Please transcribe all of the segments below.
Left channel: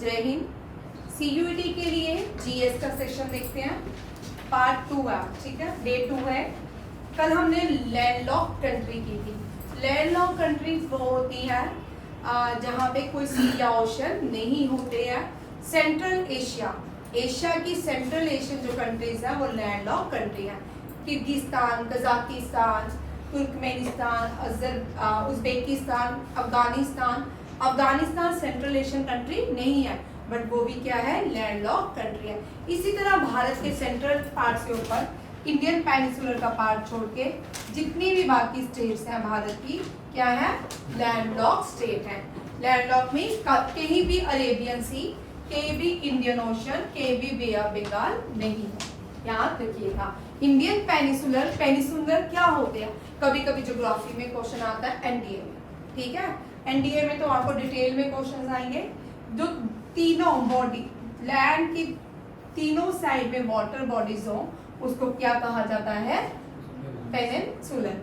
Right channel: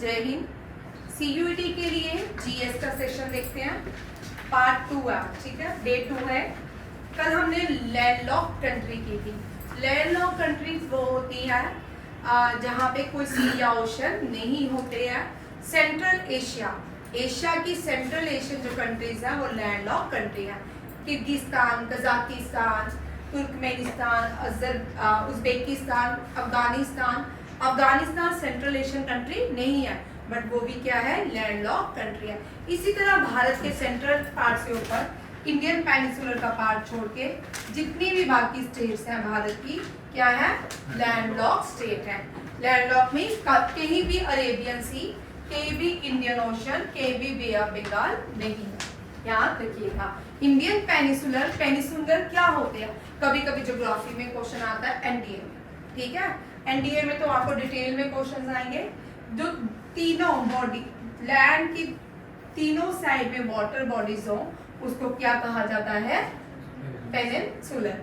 जय हिंद। सीयूईटी के लिए जीएस का सेशन देखते हैं। पार्ट 2 है, ठीक है, डे 2 है। कल हमने लैंडलॉक कंट्री की थी। लैंडलॉक कंट्रीज वो होती है जहाँ पे कोई सी या ओशन नहीं होते हैं। सेंट्रल एशिया, एशिया की सेंट्रल एशियन जो कंट्रीज है वो लैंडलॉक कंट्री है। Kyrgyzstan, Kazakhstan, Turkmenistan, Uzbekistan, Afghanistan. Afghanistan central Asian country नहीं है, बट वो भी क्या है, लैंडलॉक कंट्री है। इसी तरह भारत के सेंट्रल पार्ट से ऊपर इंडियन पेनिसुलर का पार्ट छोड़ के जितनी भी बाकी स्टेट्स हैं भारत की, क्या है, लैंडलॉक स्टेट है। लैंडलॉक में कहीं भी अरेबियन सी, कहीं भी इंडियन ओशन, कहीं भी बे ऑफ बंगाल नहीं है, याद रखिएगा। इंडियन पेनिसुलर, पेनिसुलर क्या होते हैं, कभी कभी ज्योग्राफी में क्वेश्चन आता है, एनडीए में, ठीक है। एनडीए में तो आपको डिटेल में क्वेश्चन आएंगे। जो तीनों बॉडी, लैंड की तीनों साइड में वाटर बॉडीज हो, उसको क्या कहा जाता है, पेनिनसुलर।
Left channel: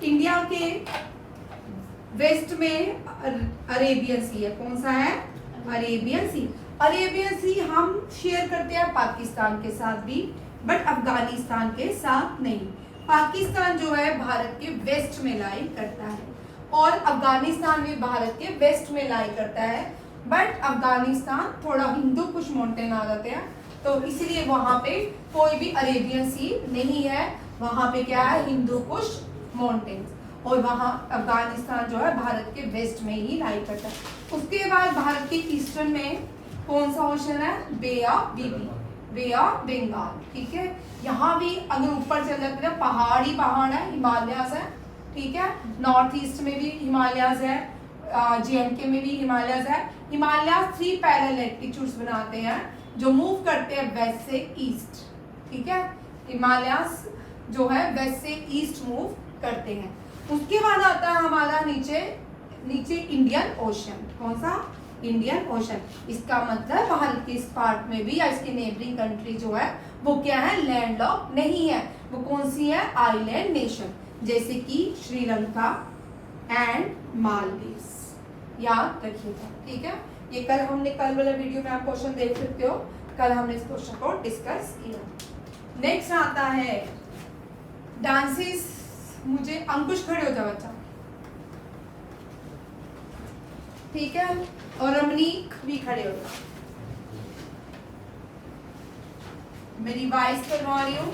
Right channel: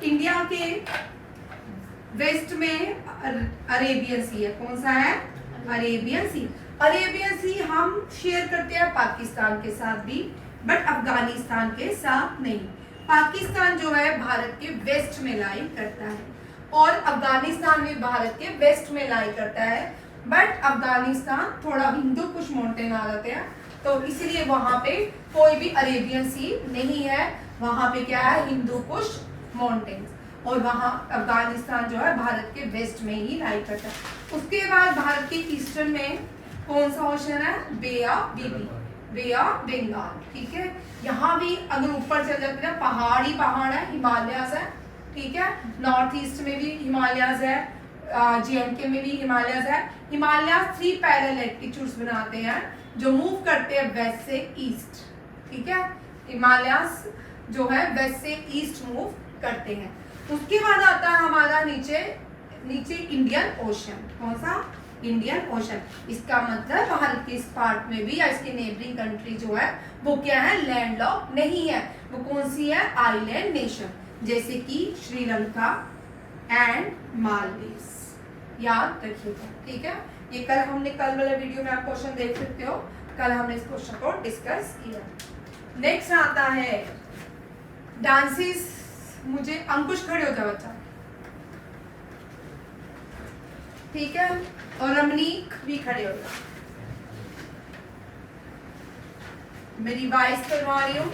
इंडिया के वेस्ट में अरेबियन सी है। कौन सा है, अरेबियन सी। अरेबियन सी हम शेयर करते हैं पाकिस्तान के साथ भी, बट अफगानिस्तान के साथ नहीं। पाकिस्तान जो है भारत के वेस्ट में लाई करता है और अफगानिस्तान भी भारत के वेस्ट में लाई करता है, बट अफगानिस्तान थोड़ा हिंदू कुछ माउंटेन आ जाते हैं, तो इसलिए वहां पे कोई भी अरेबियन सी नहीं है। वहां पे क्या है, हिंदू कुछ माउंटेन्स, और वहां अफगानिस्तान जो है भारत के वेस्ट में ही लाई करता है। उसके बाद भारत के ईस्टर्न में कौन सा ओशन है, बे ऑफ बंगाल, ठीक है। यहाँ भी अगर ऊपर चल जाते हैं, पहाड़ ही पहाड़ है, हिमालयास है, ठीक है। नॉर्थ ईस्ट में भी हिमालयास है, जेएंडके में भी हिमालयास है। हिमालयास 3 पैरेलल एल्टीट्यूड्स बनाते हैं जो मूव करते हैं वेस्ट से ईस्ट, ठीक है। हिमालयास जो है वेस्ट से ईस्ट मूव करते हैं। उसके बाद आता है हमारा नीचे इंडियन ओशन। कौन सा, इंडियन ओशन। इसका मतलब भारत के इस पार्ट में भी या इसकी नेबरिंग कंट्री जो है वो क्या है, लैंडलॉक नहीं है। वो कौन सी है, आइलैंड नेशन, जैसे कि श्रीलंका एंड मालदीव्स, याद रखिएगा, ठीक है। ये कल वाला वीडियो में आप क्वेश्चन देख सकते हो। कल हमने इस क्वेश्चन को डिस्कस किया। नेक्स्ट आता है डांसेस। मुझे अंकुश, खड़े हो जाओ बच्चा, ठीक है, और रमनीक भी खड़े हो जाओ। मैं रिवाइज करवा रही हूँ।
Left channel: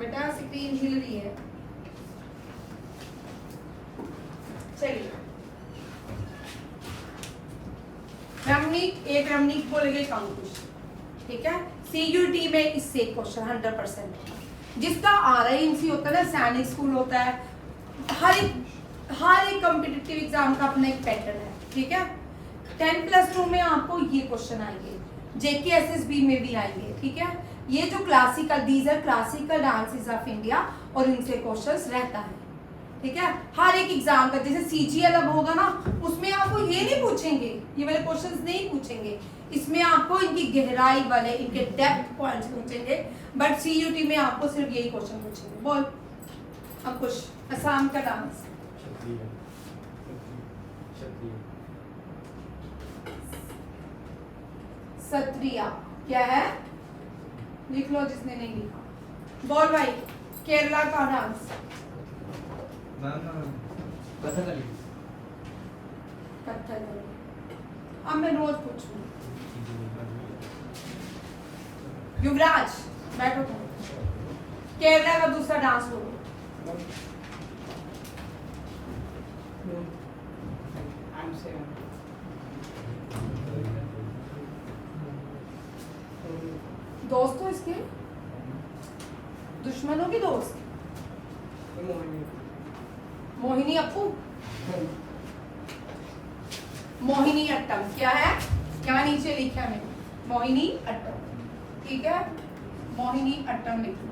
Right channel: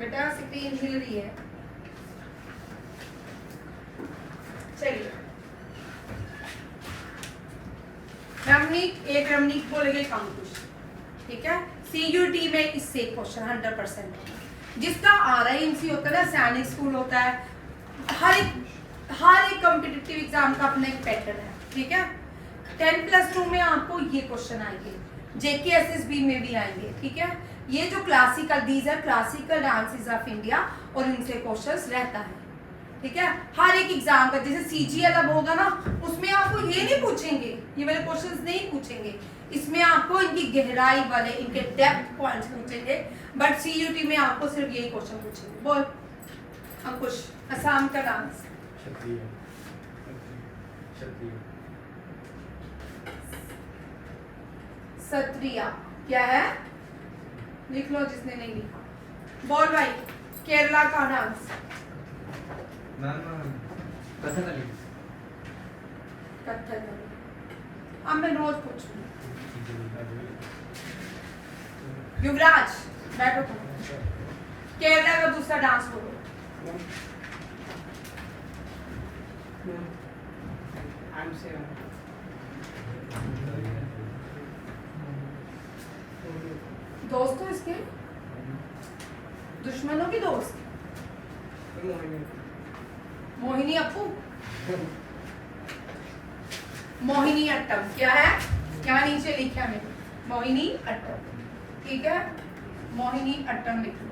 बेटा स्क्रीन हिल रही है, चलिए। रमनीक, एक रमनीक बोलेगा, एक अंकुश, ठीक है। सीयूटी में इससे क्वेश्चन 100% जिसका RIMC होता है ना, सैनिक स्कूल होता है, हर एक कॉम्पिटिटिव एग्जाम का अपना एक पैटर्न है, ठीक है। 10+2 में आपको ये क्वेश्चन आएंगे, JKSSB में भी आएंगे, ठीक है। ये जो classical, these are classical dances of India, और इनसे क्वेश्चंस रहता है, ठीक है। हर एक एग्जाम का, जैसे CGL अब होगा ना, उसमें आपको ये नहीं पूछेंगे, ये वाले क्वेश्चंस नहीं पूछेंगे। इसमें आपको इनकी गहराई वाले, इनके डेप्थ पॉइंट्स पूछेंगे, बट CUT में आपको सिर्फ यही क्वेश्चन पूछेंगे। बोल अंकुश, असम का डांस, सत्रिया क्या है, लिख लो जिसने नहीं लिखा। बोल भाई, केरला का डांस, कथकली। अब मैं रोज पूछूंगी। युवराज बैठो तुम, केरला का दूसरा डांस बोलो। दोस्त हो इसके, दुश्मनों की दोस्त, मोहिनी अप्पू, मोहिनी अट्टम क्या है, क्या नीचे लिखा है मोहिनी अट्टम, ठीक है, मोहिनी अट्टम लिखो।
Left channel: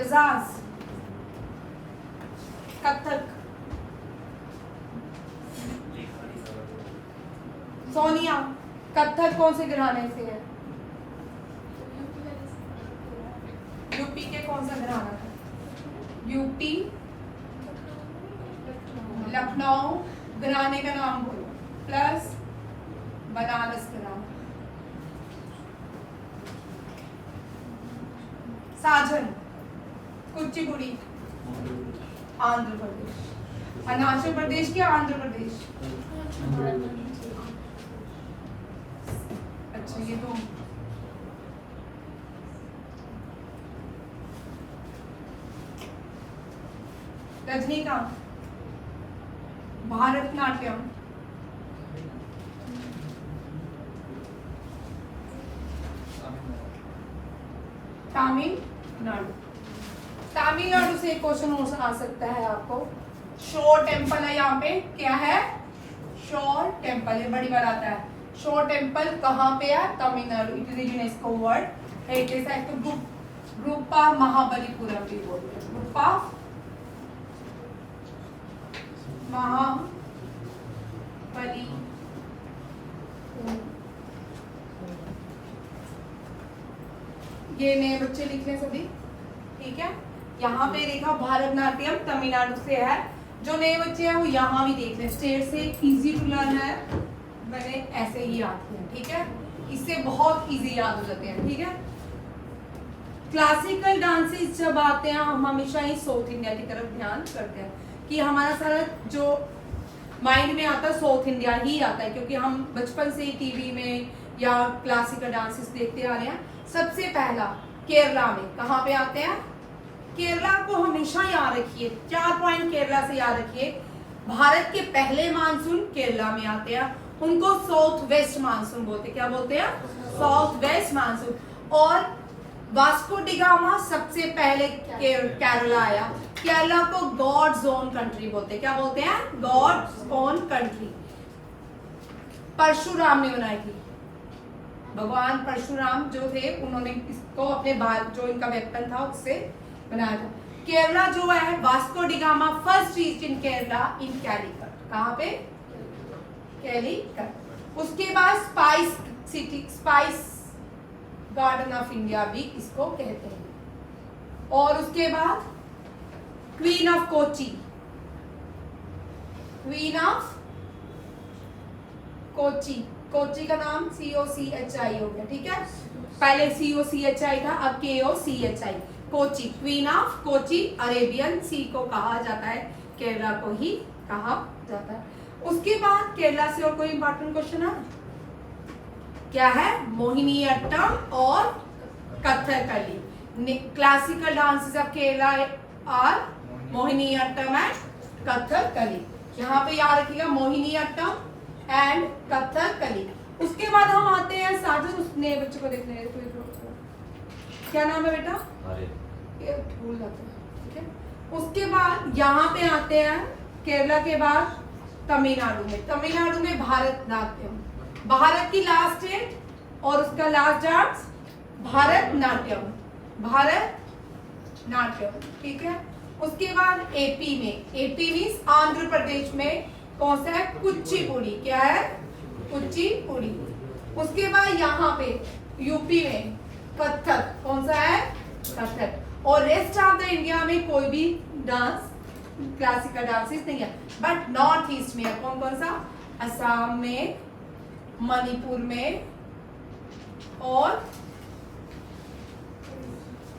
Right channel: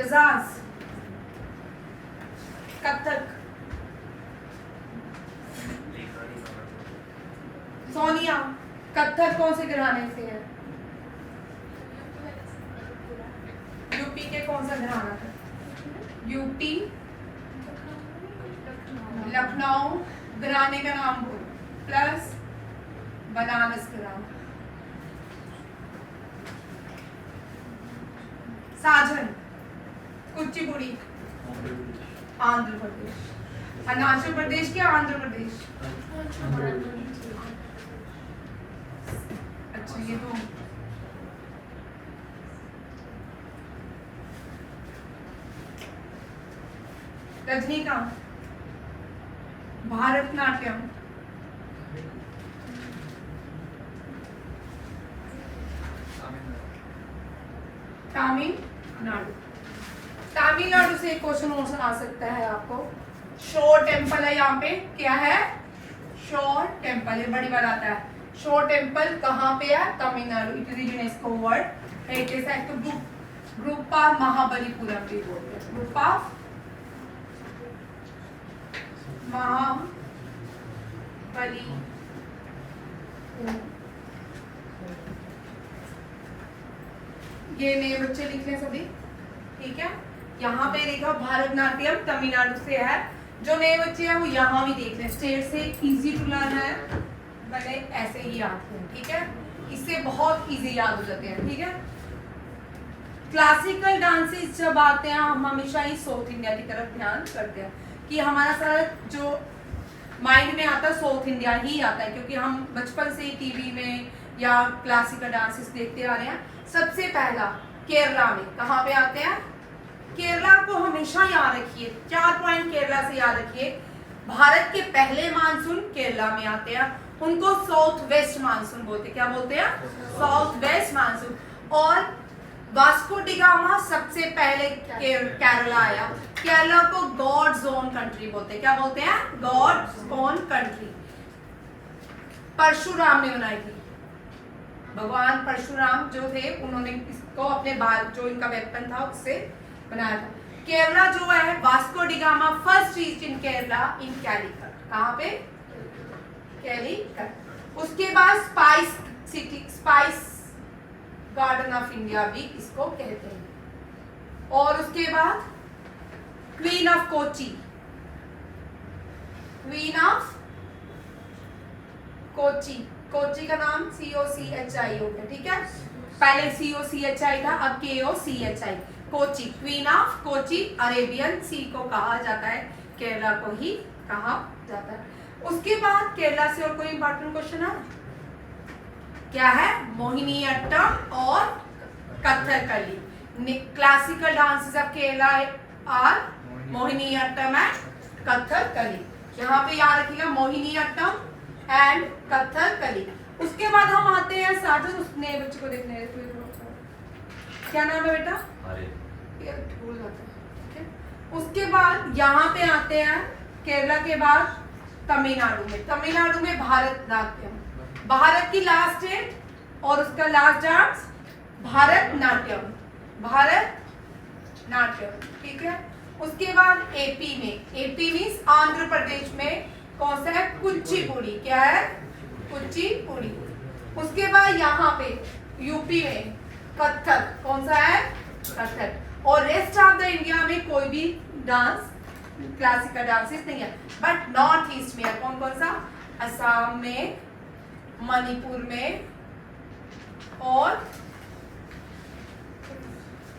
एजाज कथक, सोनिया कथक कौन से घराने से है, यूपी के कौन सा घराना था, यूपी लखनऊ घराने का नाम बोलो प्लस बनारस घराना। साजन कुचिपुड़ी आंध्र प्रदेश, अरुणाचल प्रदेश क्या आंध्र प्रदेश, अच्छा ये तो रजनीकांत भारतनाट्यम, तमिलनाडु, तमिलनाडु से एक क्वेश्चन आ सकता है आपको। शोर टेम्पल है यहाँ पे, क्या है शोर टेम्पल है, बड़ी बार आता है। शोर टेम्पल कहाँ पे है, Tamil Nadu, it is UNESCO world heritage site. तो ग्रुप ऑफ महाबलीपुरम भी बोलते हैं, ग्रुप ऑफ महाबली, ये नए बच्चे लिख लें सभी, ठीक है। यहाँ पे देखा भारतनाट्यम तमिलनाडु से है, जो नए बच्चे हैं वो यहाँ भी देख लें। स्टेट से इजी टू लर्न है, मैंने ऐसे ही याद किया, ठीक है, इससे बहुत इजी याद हो जाते हैं, ठीक है। क्लासिकल डांसेस जब आते हैं हम हमेशा ही साउथ इंडिया की तरफ ध्यान करते हैं कि हमारा सारा जो माइंड में आता है साउथ इंडिया ही आता है, क्योंकि हम बचपन से ही टीवी में या क्लासिकल डांसेस देखते आ रहे हैं। सबसे पहला केरला में कहाँ पे आते हैं, केरला को हमेशा याद रखिए, 4 पॉइंट केरला से याद रखिए। भारत के पहले मानसून केरला में आते हैं, उनको साउथ वेस्ट मानसून बोलते हैं, क्या बोलते हैं, साउथ वेस्ट मानसून। और वास्को डी गामा सबसे पहले केरला आया, केरला को गॉड्स ओन कंट्री बोलते हैं, क्या बोलते हैं, गॉड्स ओन कंट्री। परशुराम ने बनाई थी, भगवान परशुराम जो थे उन्होंने इसको अपने बाल जो इनका वेपन था उससे बनाया था। केरला जो है Vasco da Gama first reach in Kerala in Calicut, कहाँ पे, कैलीकट। उसके बाद spice city, spice garden of India भी इसको कहते हैं। और उसके बाद queen of Kochi, queen of Kochi, Kochi का नाम COCHI हो गया, ठीक है, पहले COCHI था, अब KOCHI, Kochi, queen of Kochi. Arabian sea को कहा जाता है, केरला को ही कहा जाता है। उसके बाद केरला से और कोई इंपॉर्टेंट क्वेश्चन है क्या है, मोहिनी अट्टम और Kathakali. Classical dances of Kerala are Mohiniyattam and Kathakali, यहाँ पे याद रखिएगा मोहिनी अट्टम एंड कथकली। उसके बाद हम आते हैं साजन, उसने बच्चों को देखने, क्या नाम है बेटा, ये भूल जाते हैं, ठीक है। उसके बाद यहाँ पे आते हैं केरला के बाद तमिलनाडु में, तमिलनाडु में भारतनाट्यम, भारत की लास्ट स्टेट और उसका लास्ट डांस भारतनाट्यम, भारतनाट्यम, ठीक है। उसके बाद एपी में, एपी मींस आंध्र प्रदेश में कौन सा है, कुचिपुड़ी, क्या है, कुचिपुड़ी। उसके बाद यहाँ पे यूपी में कथक, कौन सा है, कथक। और रेस्ट ऑफ द इंडिया में कोई भी डांस क्लासिकल डांसेस नहीं है, बट नॉर्थ ईस्ट में है, कौन कौन सा, असम में, मणिपुर में और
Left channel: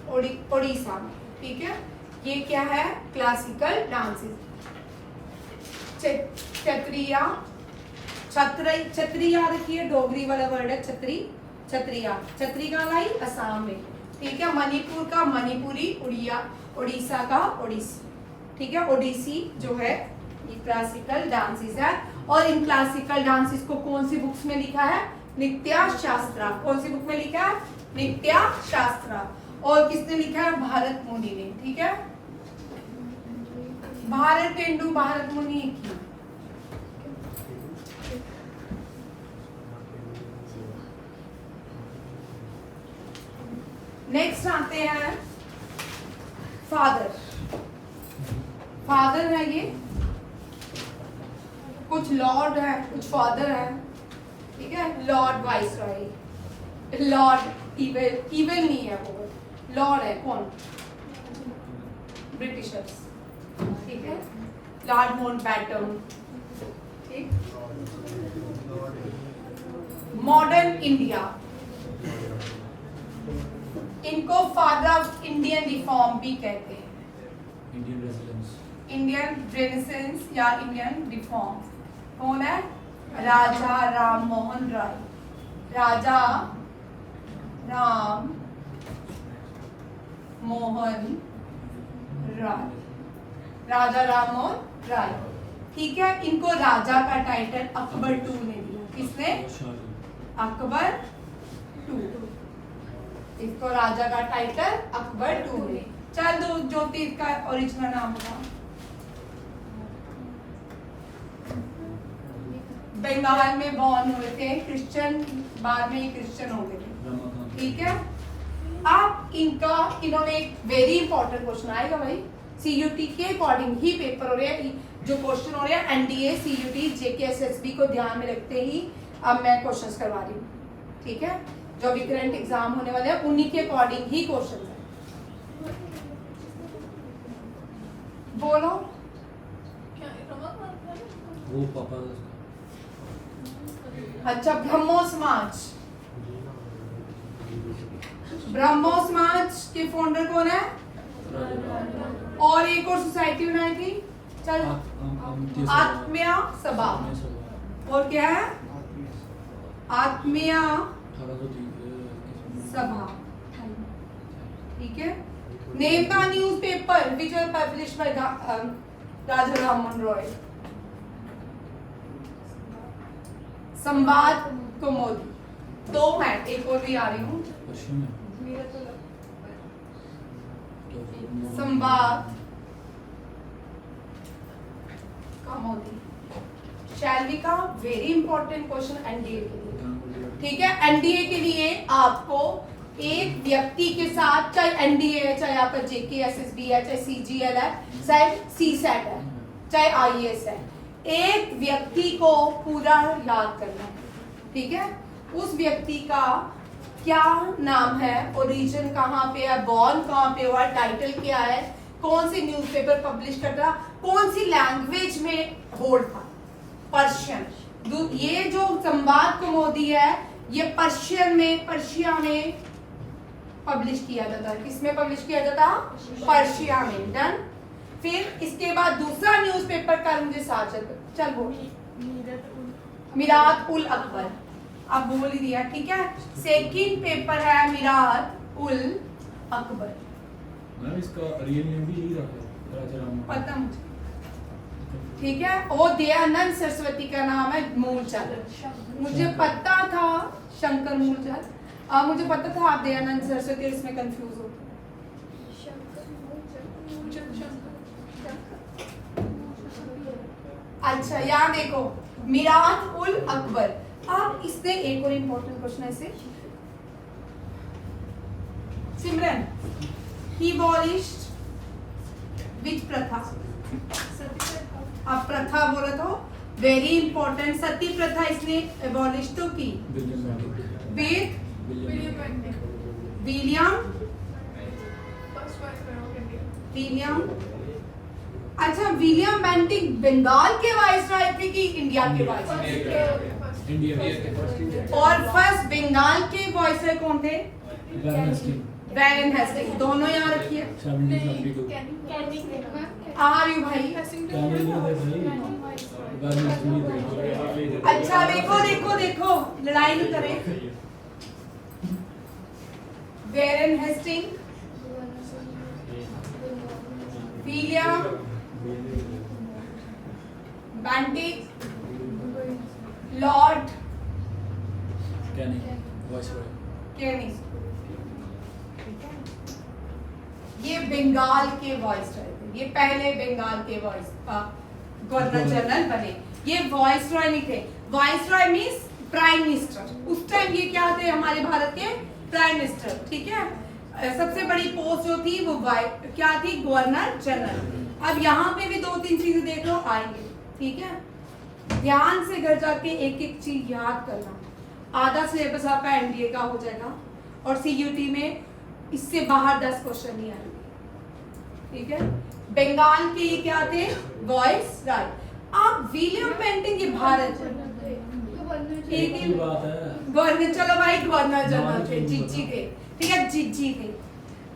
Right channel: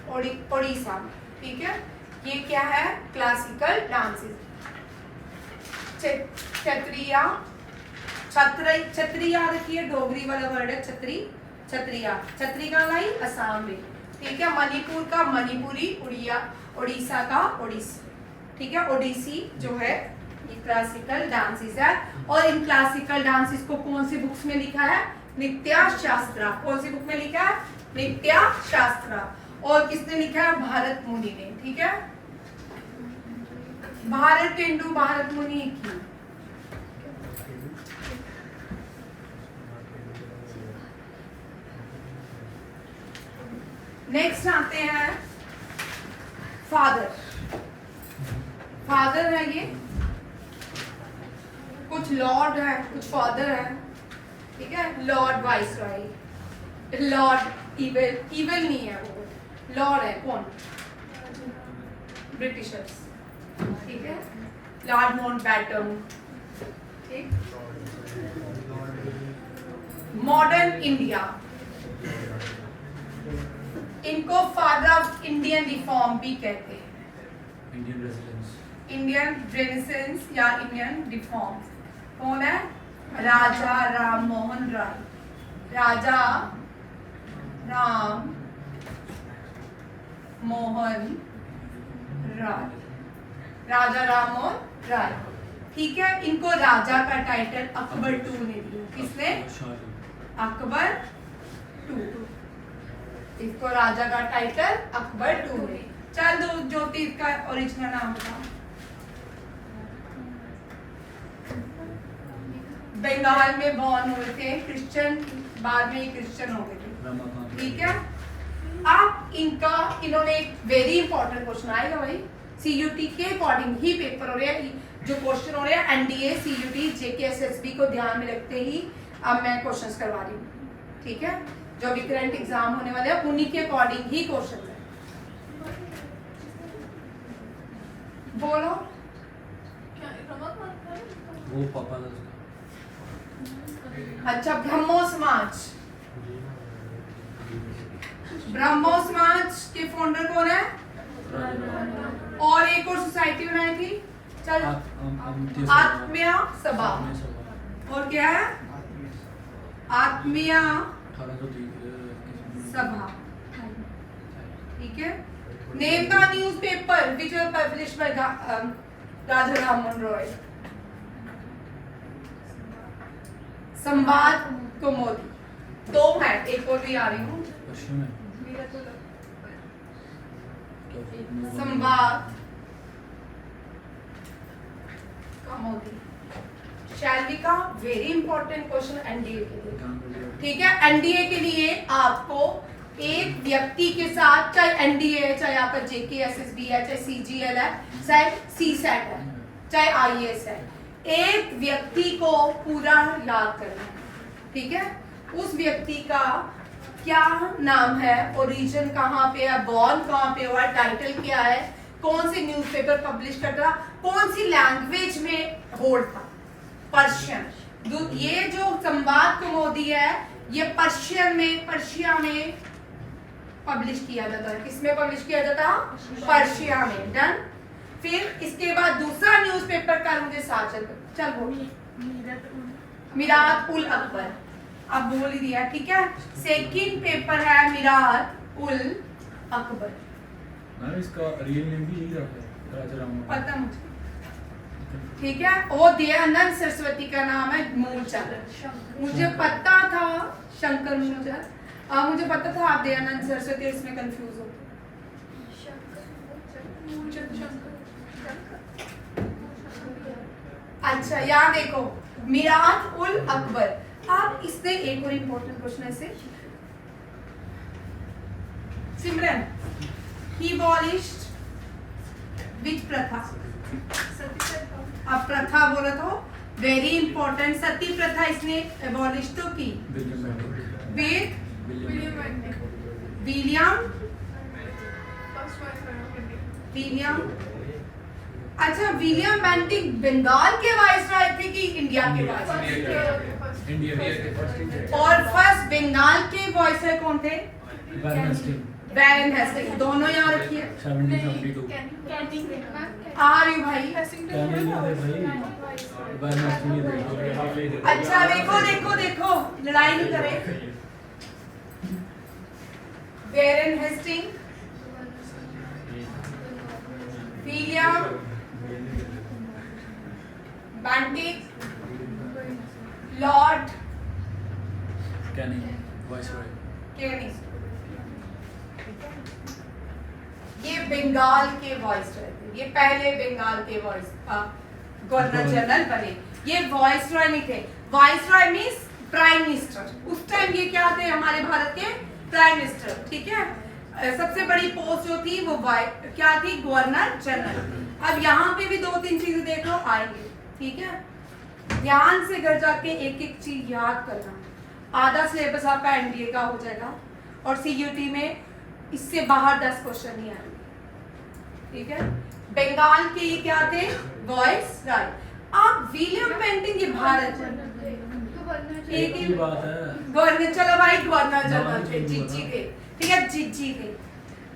उड़ीसा में, ठीक है। ये क्या है, क्लासिकल डांसेस। छत्रिया, छतरी याद रखिए, डोगरी वाला वर्ड है छतरी, छतरिया, छतरी का लाई असम में, ठीक है। मणिपुर का मणिपुरी, उड़ीसा का ओडिसी, ठीक है, ओडिसी जो है, ये क्लासिकल डांसेस है। और इन क्लासिकल डांसेस को कौन सी बुक्स में लिखा है, नित्या शास्त्रा, कौन सी बुक में लिखा है, नित्या शास्त्रा। और किसने लिखा है? भारत मुनि ने। ठीक है, भारतेंदु भारत मुनि की। नेक्स्ट आते हैं फादर। फादर है ये, कुछ लॉर्ड है, कुछ फादर है। ठीक है, Lord viceroy, Lord evil, evil नहीं है वो, लॉर्ड है। कौन? ब्रिटिशर्स। ठीक है, लॉर्ड माउंटबैटन। ठीक, मॉडर्न इंडिया, इनको फादर ऑफ इंडियन रिफॉर्म भी कहते हैं। इंडियन रेनेसेंस या इंडियन रिफॉर्म। कौन है? राजा राम मोहन राय। राजा राम मोहन राय, राजा राम मोहन राय। ठीक है, इनको राजा का टाइटल अकबर II ने दिया। किसने? अकबर II। इसको राजा का टाइटल अकबर II ने। चल दो ज्योति इसका ओरिजिनल नाम था। बंगाल में बॉर्न हुए थे, क्रिश्चियन, बाद में क्रिश्चियन हो गए थे। ठीक है, अब इनका, इन्होंने एक वेरी इंपॉर्टेंट क्वेश्चन आएगा भाई, सीयूटी के अकॉर्डिंग ही पेपर हो रहे हैं, जो क्वेश्चन हो रहे हैं एनडीए, सीयूटी, जेके, एसएसबी को ध्यान में रखते ही अब मैं क्वेश्चंस करवा रही हूँ। ठीक है, जो भी करंट एग्जाम होने वाले हैं उन्हीं के अकॉर्डिंग ही क्वेश्चन है। बोलो। वो पापा। अच्छा, ब्रह्मो समाज, ब्रह्मो समाज के फाउंडर कौन है? और एक और सोसाइटी बनाई थी, चल, आत्मीय सभा। और क्या है? आत्मीय सभा। ठीक है, name the newspaper which was published by Raja Ram Mohan Roy. Sambad Kaumudi. दो है, एक और भी आ रही हूँ। संवाद कौमुदी, शैलवी का वेरी इंपॉर्टेंट क्वेश्चन एनडीए के लिए। ठीक है, एनडीए के लिए आपको एक व्यक्ति के साथ, चाहे एनडीए है, चाहे आपका जेके, एसएसबी है, चाहे सीजीएल है, चाहे सीसेट है, चाहे आईएएस है, एक व्यक्ति को पूरा याद करना है। ठीक है, उस व्यक्ति का क्या नाम है, ओरिजिन कहाँ पे है, बॉर्न कहाँ पे हुआ, टाइटल क्या है, कौन सी न्यूज़पेपर पब्लिश करता, कौन सी लैंग्वेज में होल्ड था, पर्शियन। ये जो संवाद कौमुदी है ये पर्शियन में, पर्शिया में पब्लिश किया जाता है। किसमें पब्लिश किया जाता? पर्शिया में। डन। फिर इसके बाद दूसरा न्यूज़पेपर का मुझे साथ चल बोल, मिरात उल अकबर। अब बोल ही दिया। ठीक है, सेकंड पेपर है मिरात उल अकबर। मैम इसका रियल नेम भी यही रखा है, राजा राम मोहन। पता मुझे। ठीक है, और दयानंद सरस्वती का नाम है मूलचंद। मुझे पता था शंकर मूलचंद, और मुझे पता था आप दयानंद सरस्वती, इसमें कंफ्यूज हो। अच्छा, यहाँ देखो, मिरात उल अकबर। अब इससे एक और इम्पोर्टेंट क्वेश्चन है इसे, सिमरन, ही abolished which प्रथा? अब प्रथा बोला तो वेरी इंपॉर्टेंट, सती प्रथा इसने एबॉलिश तो की विद विलियम। अच्छा, विलियम बेंटिक बंगाल के वाइसरॉय थे कि इंडिया के वाइसरॉय? इंडिया। और फर्स्ट बंगाल के वाइसरॉय कौन थे? वैरेन हेस्टिंग। दोनों यहाँ रखिए। 1772। आ रही हूँ भाई। अच्छा, देखो देखो देखो, लड़ाई नहीं करे। Warren Hasting, William Bentinck, Lord Canning, viceroy. केनी। बंगाल के वॉइस रॉय थे, ये पहले बंगाल के वॉइस गवर्नर जनरल बने। ये वॉइस रॉय नहीं थे, voice Roy means prime minister. उस टाइम ये क्या थे, हमारे भारत के प्राइम मिनिस्टर, ठीक है। सबसे बड़ी पोस्ट जो थी वो क्या थी, गवर्नर जनरल। अब यहाँ पे भी 2-3 चीजें देख लो आएंगे, ठीक है। ध्यान से घर जाके एक एक चीज याद करना, आधा सिलेबस आपका एनडीए का हो जाएगा और सीयूटी में इससे बाहर 10 क्वेश्चन नहीं आएंगे, ठीक है। बंगाल के ये क्या थे, वॉइस रॉय। अब विलियम बेंटिंक ये भारत एक ही बात है। गवर्नर, चलो भाई गवर्नर जनरल थे, जीजी थे, ठीक है, जीजी थे।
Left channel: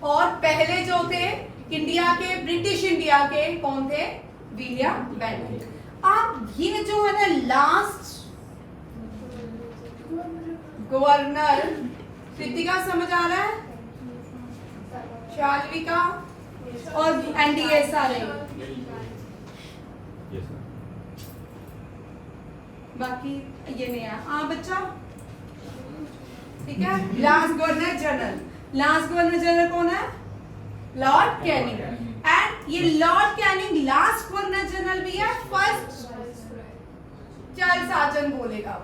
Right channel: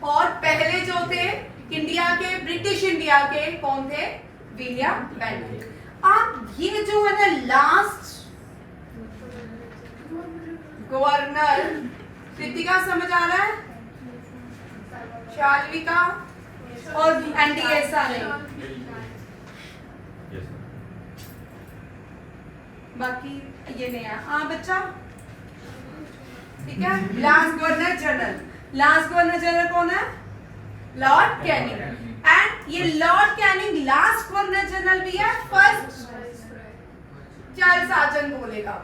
और पहले जो थे इंडिया के, ब्रिटिश इंडिया के कौन थे, विलियम बेंटिक। अब ये जो है ना लास्ट गवर्नर, कृतिका समझ आ रहा है, शाल्विका और एनडीए सारे, बाकी ये नहीं है। हाँ बच्चा, ठीक है। Last governor general, last governor general कौन है, लॉर्ड कैनिंग। एंड ये Lord Canning last governor general भी है, फर्स्ट चार्ल्स आर्चर बोलेगा।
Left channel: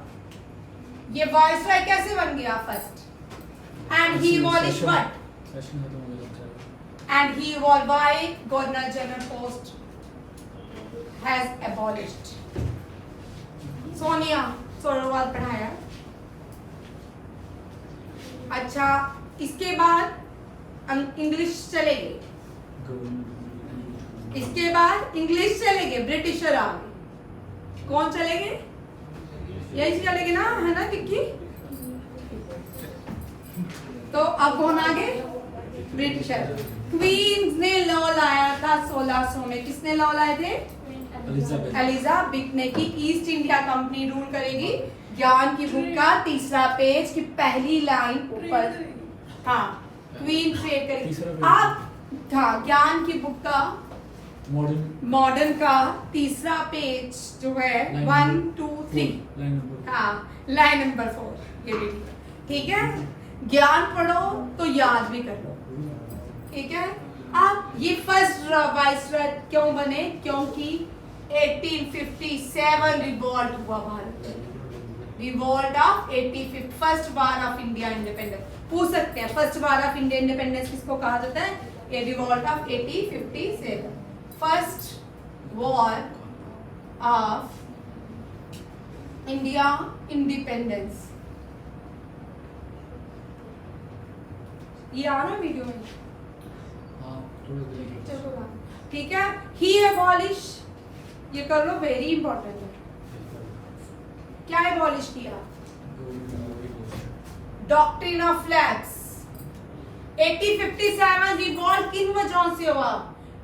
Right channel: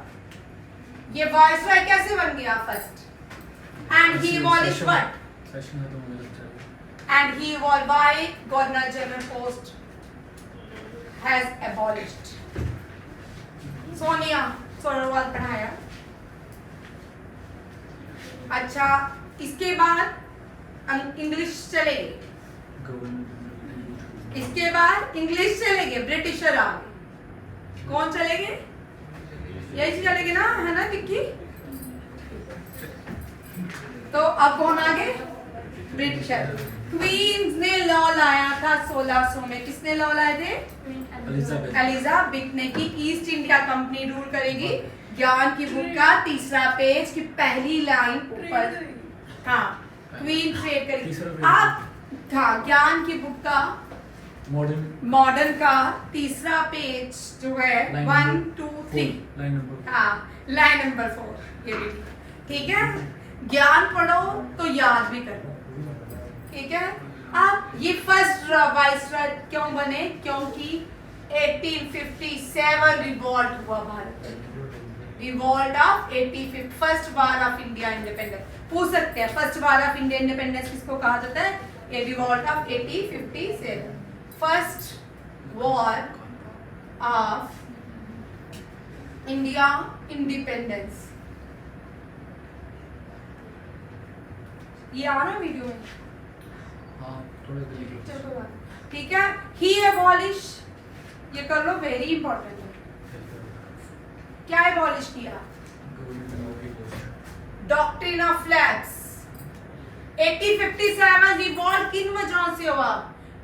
ये वॉइस रॉय कैसे बन गया first, and he abolished what, session है तो मुझे लगता है and he was why governor general post has abolished। Sonia Sonowal पढ़ाया। अच्छा, इसके बाद इंग्लिश चलेंगे, इसके बाद इंग्लिश चलेंगे, ब्रिटिशर आ गए। कौन चलेंगे, यही चलेंगे ना, है ना विक्की। तो अब कौन आगे, ब्रिटिशर। क्वींस ने लॉ लाया था 1600 में, किसने लॉ लाए थे, एलिजाबेथ ने, की ईस्ट इंडिया कंपनी रूल करेगी। ज्ञान की बुक का 3रा पेज की पहली लाइन ऊपर, हाँ, क्वीन ट्रेड करेगी। आप हाँ, ज्ञान की बुक का मॉडर्न का 3रा पेज जो है 1, 2, 3, हाँ, लाइन नंबर 4, ये भी ठीक है। ज्ञान पढ़ो तो याद भी करो, ठीक है। अब ये फर्स्ट वाइसरॉय क्यों बने, क्योंकि 1857 रिवॉल्ट हुआ भारत में, revolt of 1850, first war of India independence. पूछ सकते हैं first war of India independence किसको कहा जाता है, ये revolt of 1857, first war of India independence. ये आ रहा है वीडियो में, चलो ठीक है। ही एबॉलिश, ये कर लो, वेरी इंपॉर्टेंट है। क्या एबॉलिश किया, डॉक्ट्रिन ऑफ लैप्स। 1857 रिवॉल्ट किन वजहों से हुआ,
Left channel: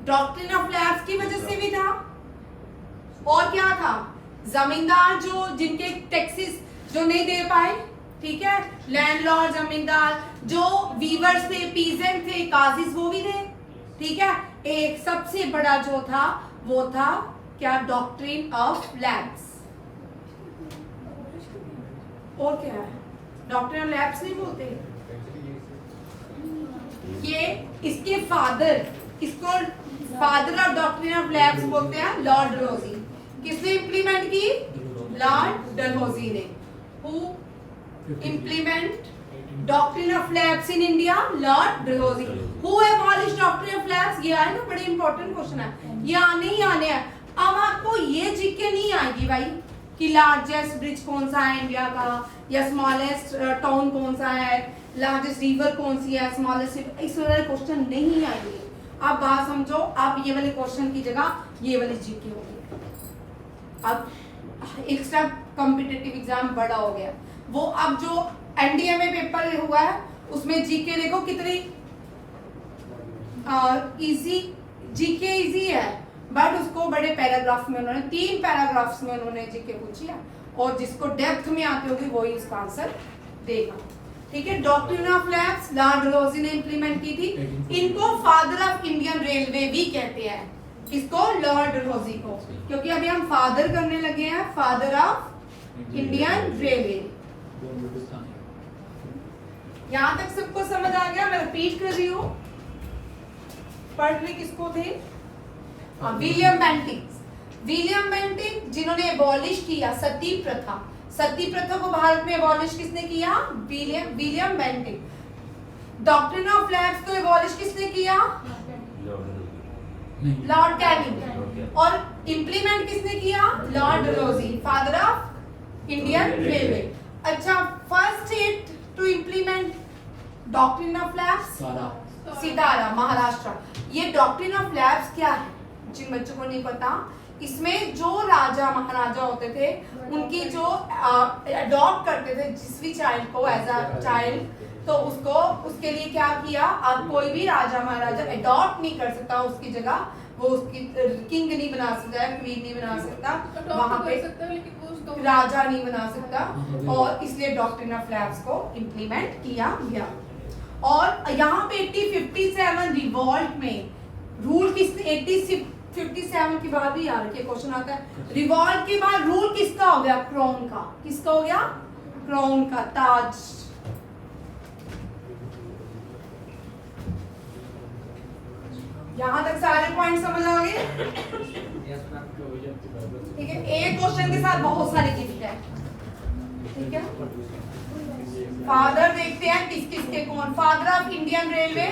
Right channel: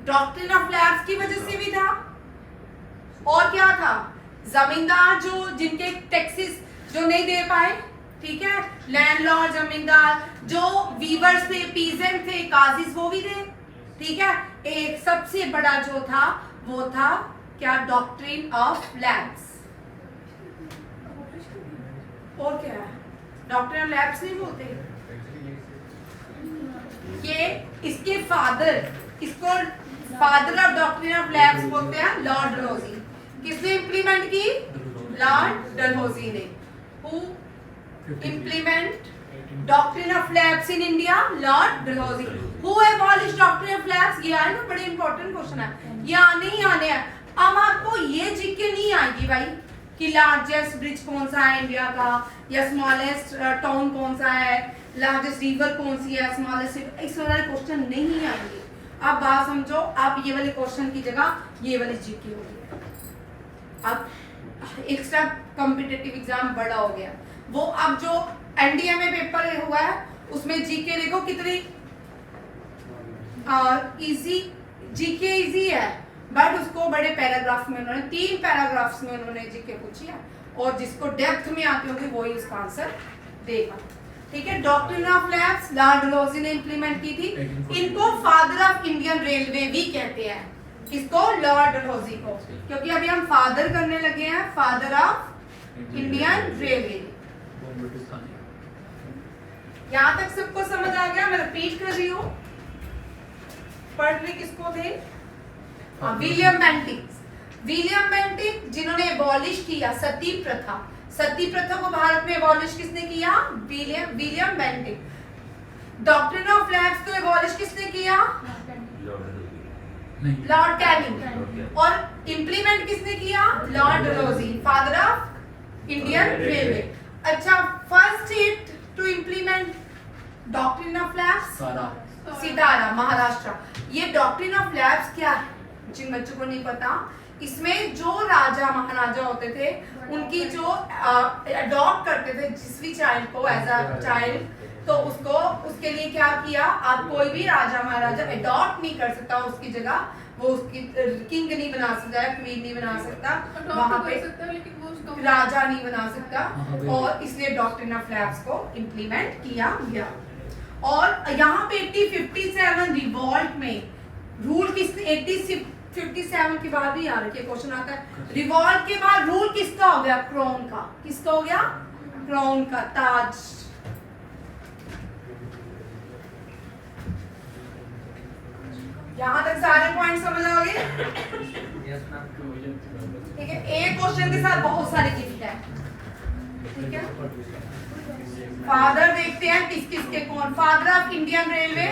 डॉक्ट्रिन ऑफ लैप्स की वजह से भी था। और क्या था, जमींदार जो जिनके टैक्सेस जो नहीं दे पाए, ठीक है, लैंडलॉर्ड जमींदार, जो वीवर्स थे, पीजेंट थे, काजिस, वो भी थे, ठीक है। एक सबसे बड़ा जो था वो था क्या, डॉक्ट्रिन ऑफ लैप्स। और क्या है, डॉक्ट्रिन ऑफ लैप्स नहीं बोलते, ये इसके फादर, इसको father of doctrine of lapse बोलते हैं, लॉर्ड डलहौजी। किसने इंप्लीमेंट की, लॉर्ड डलहौजी ने। Who implement doctrine of lapse in India, Lord Dalhousie। Who abolished doctrine of lapse, ये है ना, बड़े इंपॉर्टेंट क्वेश्चन है, ये आने ही आने हैं। अब आपको ये जीके नहीं आएगी भाई कि लार्जेस्ट ब्रिज कौन सा है इंडिया का, या स्मॉलेस्ट टाउन कौन सा है, लार्जेस्ट रिवर कौन सी है, स्मॉलेस्ट, इस वाले क्वेश्चन नहीं आएंगे। आप बात समझो, आप ये वाले क्वेश्चन की जगह ये वाली जीके होगी। अब एक्स्ट्रा कॉम्पिटिटिव एग्जाम बड़ा हो गया, वो अब जो एनडीए में पेपर हुआ है उसमें जीके देखो कितनी इजी, जीके इजी है, बट उसको बड़े पैराग्राफ में उन्होंने 3 पैराग्राफ्स में उन्होंने जीके पूछी है, और जिसको डेप्थ में आती होगी वही उसका आंसर देगा, ठीक है। Doctrine of lapse Lord Dalhousie ने इंप्लीमेंट की थी। इनको फादर ऑफ इंडियन रेलवे भी कहते हैं, किसको, लॉर्ड डलहौजी को, क्योंकि अभी हम फादर करने लगे हैं, फादर ऑफ इंडियन रेलवे। यहाँ तक सबको समझ आ गया, मैं रिपीट कर रही हूँ, पढ़ रहे किसको थे? William Bentinck. विलियम बेंटिक जिन्होंने एबॉलिश किया सती प्रथा। सती प्रथा को भारत में एबॉलिश किसने किया? William Bentinck. Doctrine of lapse को एबॉलिश किसने किया? Lord Canning. और इंप्लीमेंट किसने किया? Lord Dalhousie, father of Indian railway. अच्छा, first state to implement doctrine of lapse? Satara, Maharashtra. ये डॉक्ट्रिन ऑफ लैब्स क्या है? जिन बच्चों को नहीं पता, इसमें जो राजा महाराजा होते थे उनकी जो अडॉप्ट करते थे जिस भी चाइल्ड को एज अ चाइल्ड, तो उसको उसके लिए क्या किया? आप कोई भी राजा महाराजा अडॉप्ट नहीं कर सकता उसकी जगह, वो उसकी किंग नहीं बना सकता, क्वीन नहीं बना सकता, वहां पे राजा नहीं बना सकता, और इसलिए डॉक्ट्रिन ऑफ लैब्स को इम्प्लीमेंट किया गया। और यहाँ पे 1857 रिवॉल्ट में रूल किसने? 1857 के बाद भी यार के क्वेश्चन आता है। रिवॉल्ट के बाद रूल किसका हो गया? क्राउन का। किसका हो गया? क्राउन का, ताज। यहाँ तक सारे पॉइंट समझ आ गए? ठीक है, एक क्वेश्चन के साथ बहुत सारे गिफ्ट है। ठीक है, फादर देखते हैं किस किस के कौन। Father of Indian railway?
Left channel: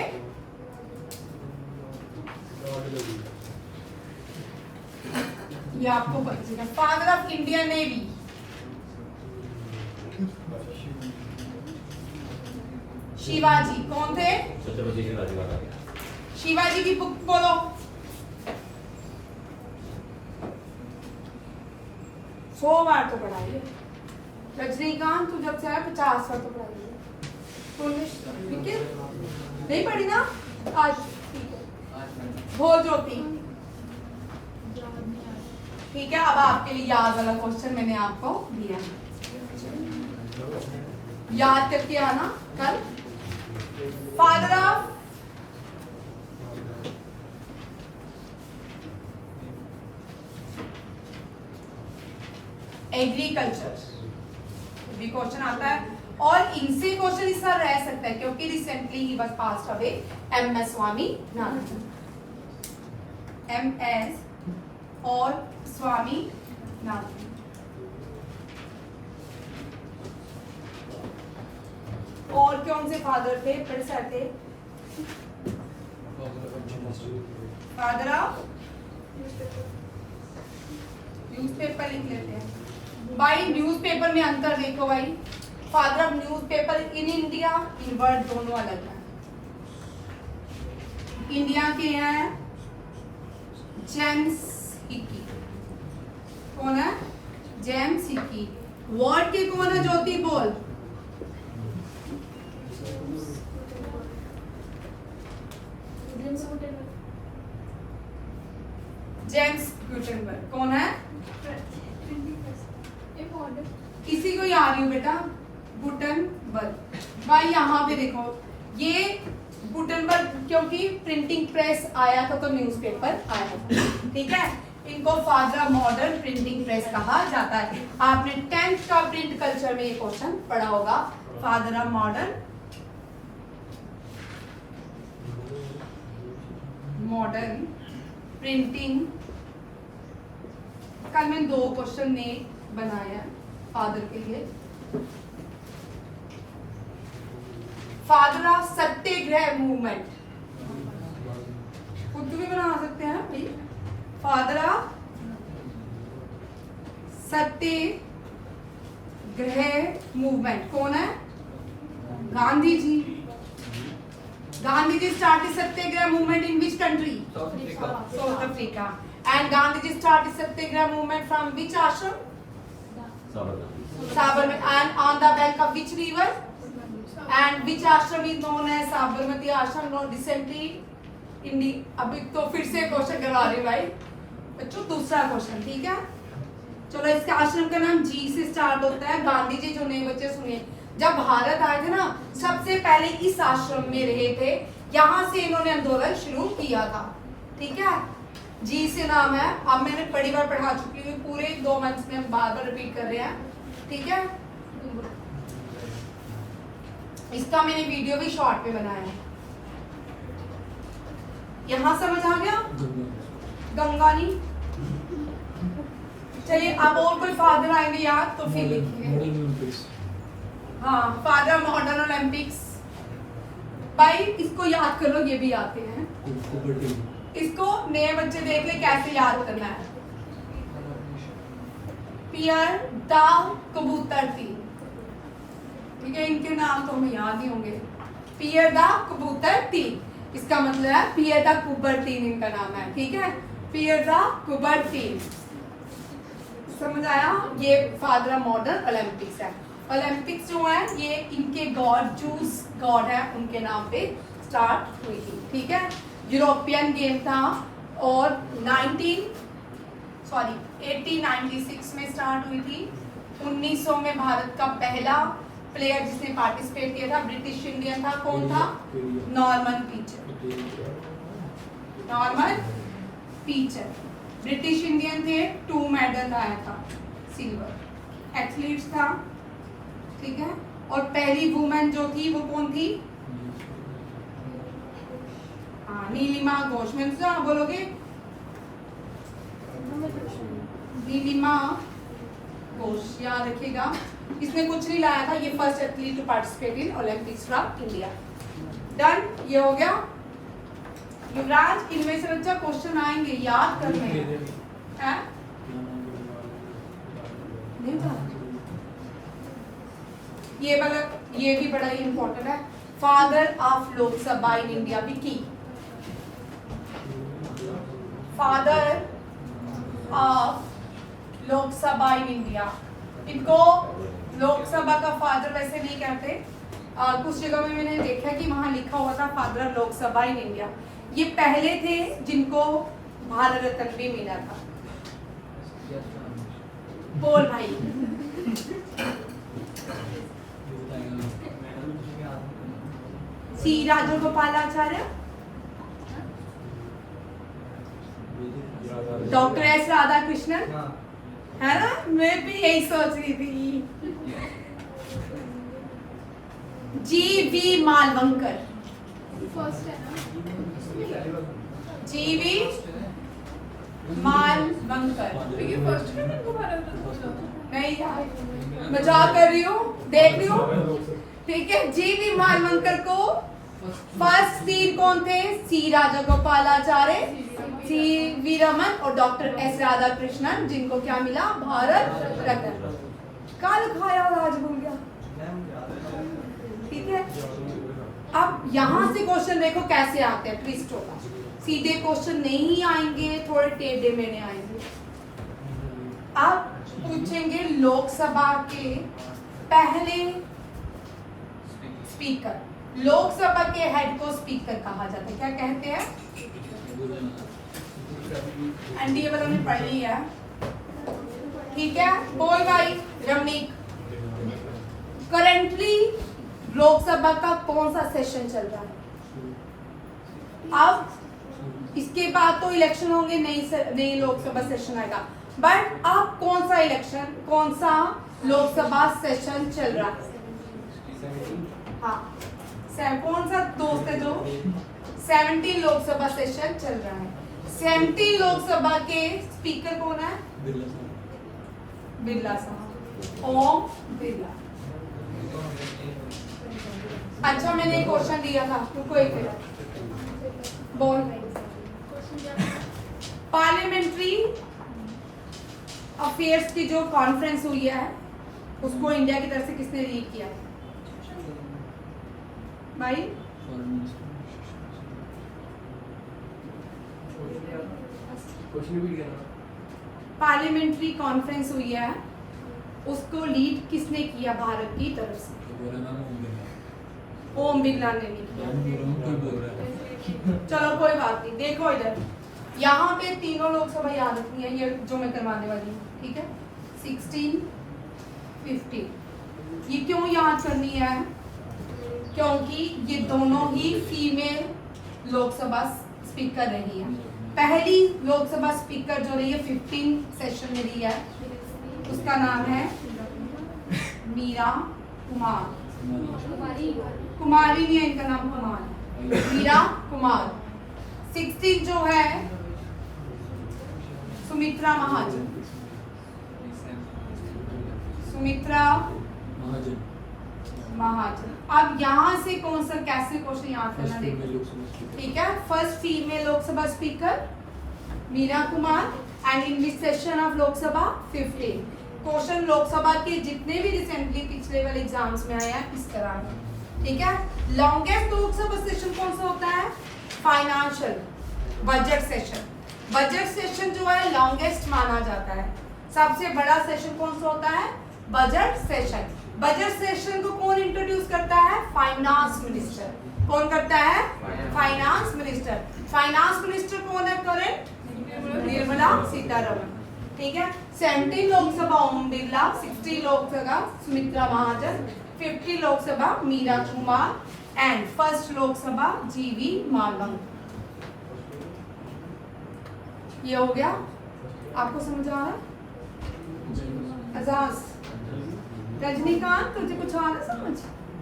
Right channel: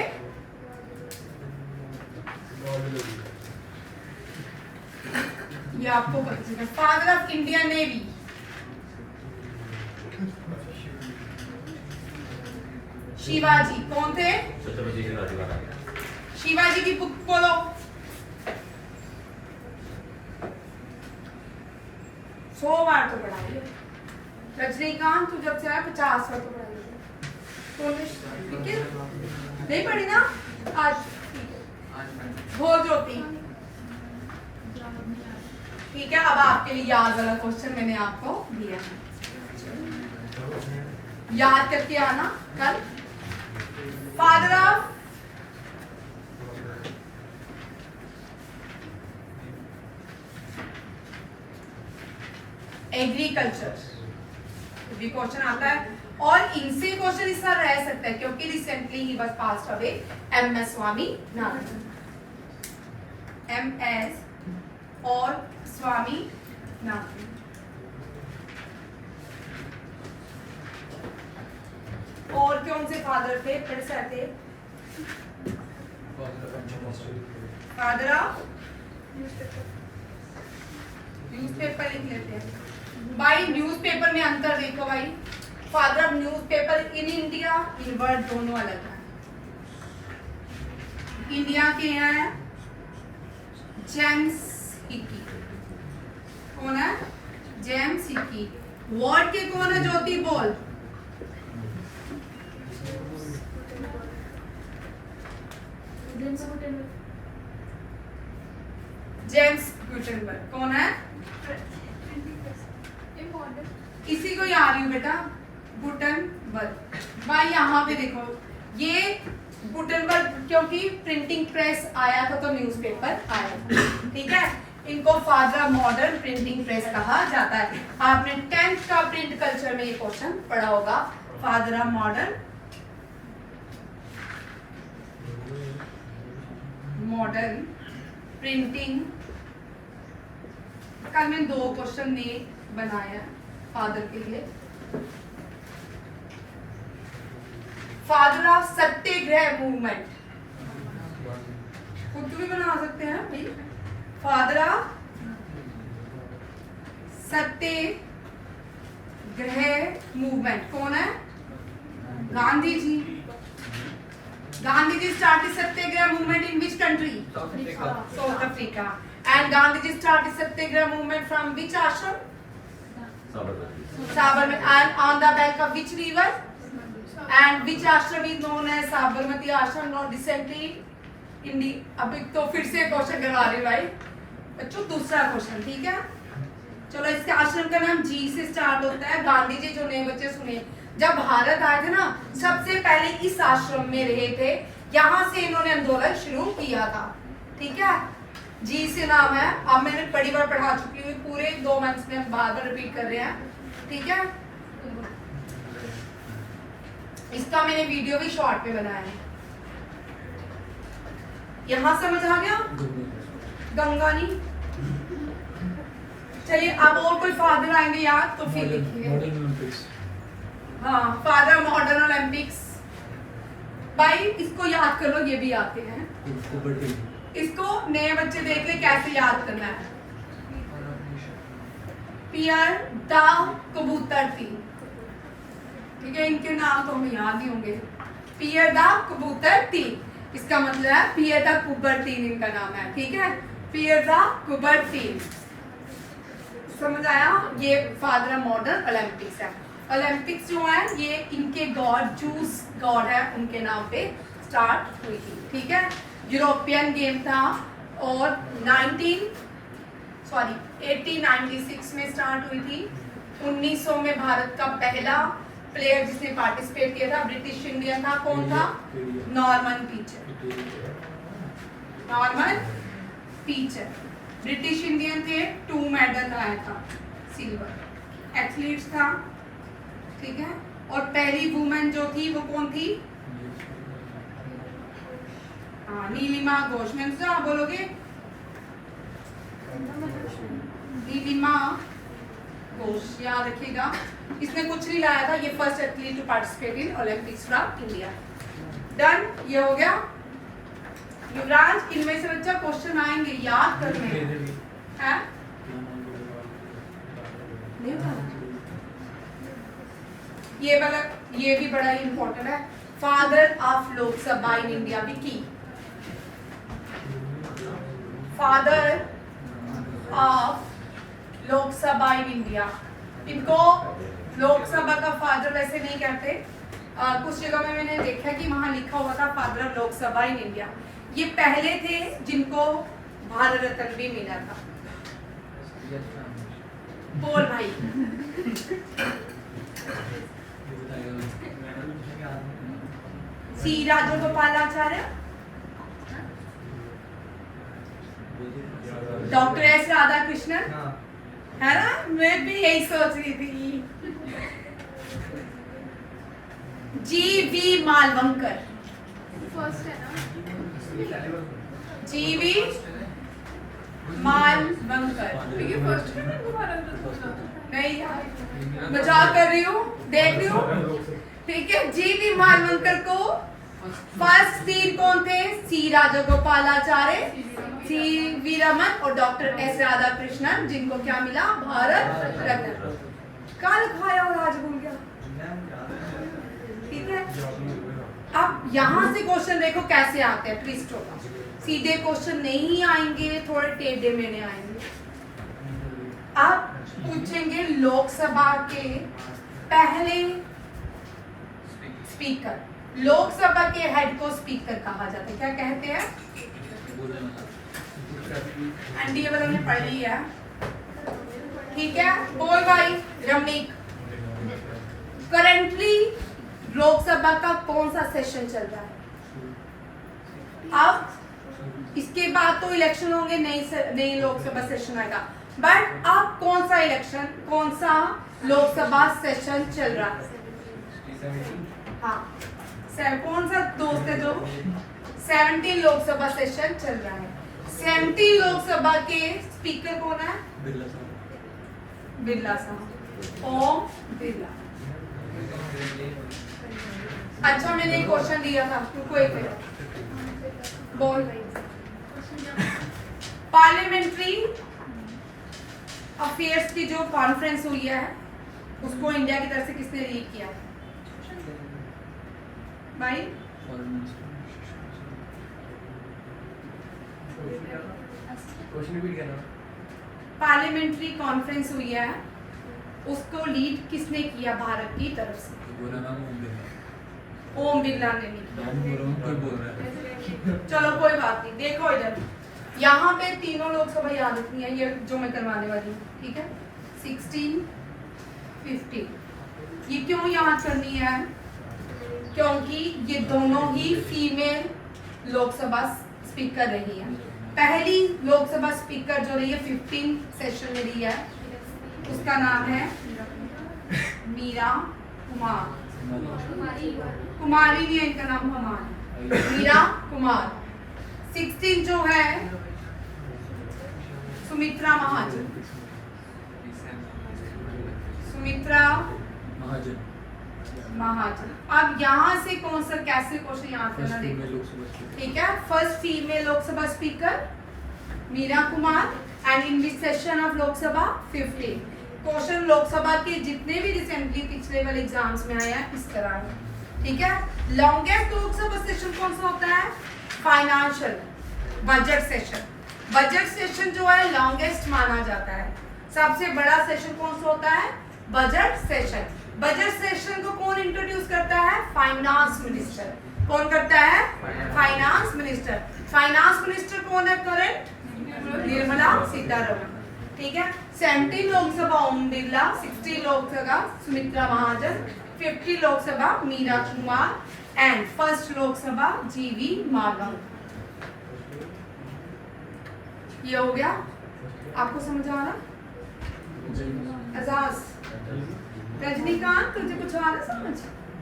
ये आपको पता है। Father of Indian navy? Shivaji. कौन थे? शिवाजी की बुक बोलो। सौ बार तो पढ़ाई। रजनीकांत तू जब से आया 50 बार तो पढ़ाई। ठीक है, नहीं पढ़ी ना आज? भोर ज्योति। ठीक है, अब आपके लिए याद वाला क्वेश्चन मैंने आपको दिया, याद करके आना कल। फादर ऑफ एग्रीकल्चर भी क्वेश्चन आता है, और इनसे क्वेश्चन इस तरह रह सकता है क्योंकि रिसेंटली ही बस pass away MS Swaminathan. MS और स्वामीनाथन। और कौन से फादर थे? फिर से थे फादर ऑफ न्यूज़पेपर। लिख लेते हैं भाई, न्यूज़पेपर में अंतर देखो भाई। Father of newspaper in India, in word दोनों अलग हैं। इंडिया के हैं जेम्स हिकी। कौन है? James Hicky. वर्ड के कौन है? ज्योति बोल। James Gutenberg. कौन है? किसी को याद नहीं बेटा? गुटेनबर्ग। भाई यहाँ पे देखो, ये गुटेनबर्ग क्योंकि प्रिंटिंग प्रेस आया था तो न्यूज़पेपर आया था। ठीक है, इनको father of modern printing press कहा जाता है। आपने 10th का प्रिंट कल्चर में ये क्वेश्चन पढ़ा होगा, फादर ऑफ मॉडर्न प्रिंटिंग। कल मैंने 2 क्वेश्चन ने बनाया फादर के लिए। फादर ऑफ सत्याग्रह मूवमेंट खुद भी बना सकते हैं भाई। फादर ऑफ सत्याग्रह मूवमेंट कौन है? Gandhi ji. Gandhi ji started Satyagraha movement in which country? South Africa. And Gandhi ji started Satyagraha movement from which ashram? Sabarmati. And on the bank of which river? And which ashram is known as Sabarmati ashram? Now recently अभी तो फिर से question करा रहे भाई बच्चों। दूसरा question, ठीक है, चलो। इसके आश्रम का नाम जी से स्टार्ट होता है। गांधी जी जो नए बच्चे सुनिए, जब भारत आए थे ना, सबसे पहले इस आश्रम में रहे थे, यहाँ से इन्होंने आंदोलन शुरू किया था। ठीक है, जी से नाम है। अब मैंने बड़ी बार पढ़ा चुकी हूँ, पूरे 2 मंथ्स में बार बार रिपीट कर रहे हैं। ठीक है, इसका मैंने वीडियो भी शॉर्ट पे बनाया है। यहाँ समझ आ गया? गंगा गंगा नहीं। चलिए अब और कोई फादर आएंगे याद तो फिर लिखिए। मॉडर्न ओलंपिक्स हाँ, फादर मॉडर्न ओलंपिक्स। भाई इसको याद कर लो, ये भी आते हैं। कबड्डी इसको नए बच्चे देख ले कैसे याद करना है। पियर द कबूतर तीन, ठीक है, इनके नाम तो हमें याद ही होंगे। पियर द कबूतर तीन, इसका मतलब है पियर द कुबर तीन इनका नाम है, ठीक है, पियर द कुबर तीन। समझ आया? ये फादर ऑफ मॉडर्न ओलंपिक्स है। ओलंपिक्स जो है ये इनके गॉड जूस गॉड है उनके नाम पे स्टार्ट हुई थी, ठीक है। यूरोपियन गेम था और 1896 में स्टार्ट हुई थी। 1900 में भारत का पहला प्लेयर जिसने पार्टिसिपेट किया था ब्रिटिश इंडियन था, कौन था? Norman pitcher. Norman pitcher British Indian थे, 2 मेडल आया था, सिल्वर। एथलीट्स था, ठीक है। और पहली वुमेन जो थी वो कौन थी? हाँ, नीलिमा घोष। में क्या बोलोगे? नीलिमा घोष, याद रखिएगा। इसने कुछ नहीं लाया था, ये first athlete to participate in Olympics from India. Done, ये हो गया। युवराज, इनमें से बच्चा क्वेश्चन आएंगे, याद करने हैं। ये वाला, ये भी बड़ा ही इंपॉर्टेंट है। Father of Lok Sabha in India भी की। Father of Lok Sabha in India, इनको लोकसभा का फादर वैसे नहीं कहते। कुछ जगह में मैंने देखा कि वहां लिखा हुआ था father of Lok Sabha in India. ये पहले थे जिनको भारत रत्न भी मिला था। बोल भाई। सी राजगोपालाचार्य, डॉक्टर एस राधा कृष्णन, है ना? मैं भी यही सोच रही थी। जी.वी. मालवंकर, जी.वी. मालवंकर। नहीं यार, मजाक कर रही हूँ, देख रही हूँ, ठीक है। जी.वी. मालवंकर को फर्स्ट 3 कौन थे? सी राजगोपालाचार्य, सी.वी. रमन और डॉक्टर एस राधा कृष्णन, जिनको क्या मिला? भारत रत्न। कल खाया और आज भूल गया, ठीक है। अब यहाँ से क्वेश्चन देखो कैसे आते हैं ट्विस्ट होगा। सीधे क्वेश्चन नहीं आएंगे, थोड़े टेढ़े मेढ़े आएंगे। अब पूछेंगे लोकसभा के पहले स्पीकर। लोकसभा के हेड को स्पीकर कहा जाता है, क्या कहते हैं? एनडीए वालों ने पढ़ ली है, ठीक है। बोल भाई रमणीक। करंटली लोकसभा का कौन सा सेशन चल रहा है? अब इसके बाद तो इलेक्शन होंगे, नई लोकसभा सेशन आएगा, बट अब कौन सा इलेक्शन, कौन सा लोकसभा सेशन चल रहा है? हाँ, कौन सा दोस्त है जो 17 लोकसभा सेशन चल रहा है। 17 लोकसभा के स्पीकर कौन है? बिरला साहब, ओम बिरला। अच्छा, मैंने एक क्वेश्चन दिया था, रुको एक मिनट, बोल रही। पार्लियामेंट्री अफेयर्स की जो कॉन्फ्रेंस हुई है उसको इंडिया की तरफ से किसने लीड किया भाई? पार्लियामेंट्री कॉन्फ्रेंस हुई है, उसको लीड किसने किया भारत की तरफ से? ओम बिरला ने नहीं किया। चलो कोई बात नहीं, देखो इधर, यहाँ पे तीनों लोकसभा याद रखनी है, ये जो मैं करवाने वाली हूँ, ठीक है। 16, 15 ये क्यों याद करनी है? क्योंकि ये दोनों ही फीमेल लोकसभा स्पीकर रही है। पहली लोकसभा स्पीकर जो रही है 15 सेशन में रही है, उसका नाम है मीरा कुमार। कुमारी नहीं है, इनका नाम कुमार है, मीरा कुमार। 16 जो है सुमित्रा महाजन। सुमित्रा महाजन। महाजन। अब यहाँ से कौन सा कैसे क्वेश्चन याद करना देखो, ठीक है। First female Lok Sabha speaker Meira Kumar and in which session of Lok Sabha 15। Question Lok Sabha के जितने भी रिसेंटली पिछले वाले एग्जाम्स में आया है इस तरह है, ठीक है। लॉन्गेस्ट लोकसभा सेशन कौन सा होता है? Financial budget session. Budget session जो है लॉन्गेस्ट माना जाता है। सबसे बड़ा सेशन कौन सा होता है? Budget session. बजट सेशन को कौन इंट्रोड्यूस करता है? Finance minister. कौन करता है? Finance minister. फाइनेंस मिनिस्टर कौन है करंट? निर्मला सीतारमण, ठीक है। 17 लोकसभा ओम बिरला, 60 लोकसभा सुमित्रा महाजन, 50 लोकसभा मीरा कुमार एंड फर्स्ट लोकसभा जीवी मालंग। ये हो गया, आपको समझ आ रहा? एजाज, रजनीकांत तुझे कुछ आ रहा समझ?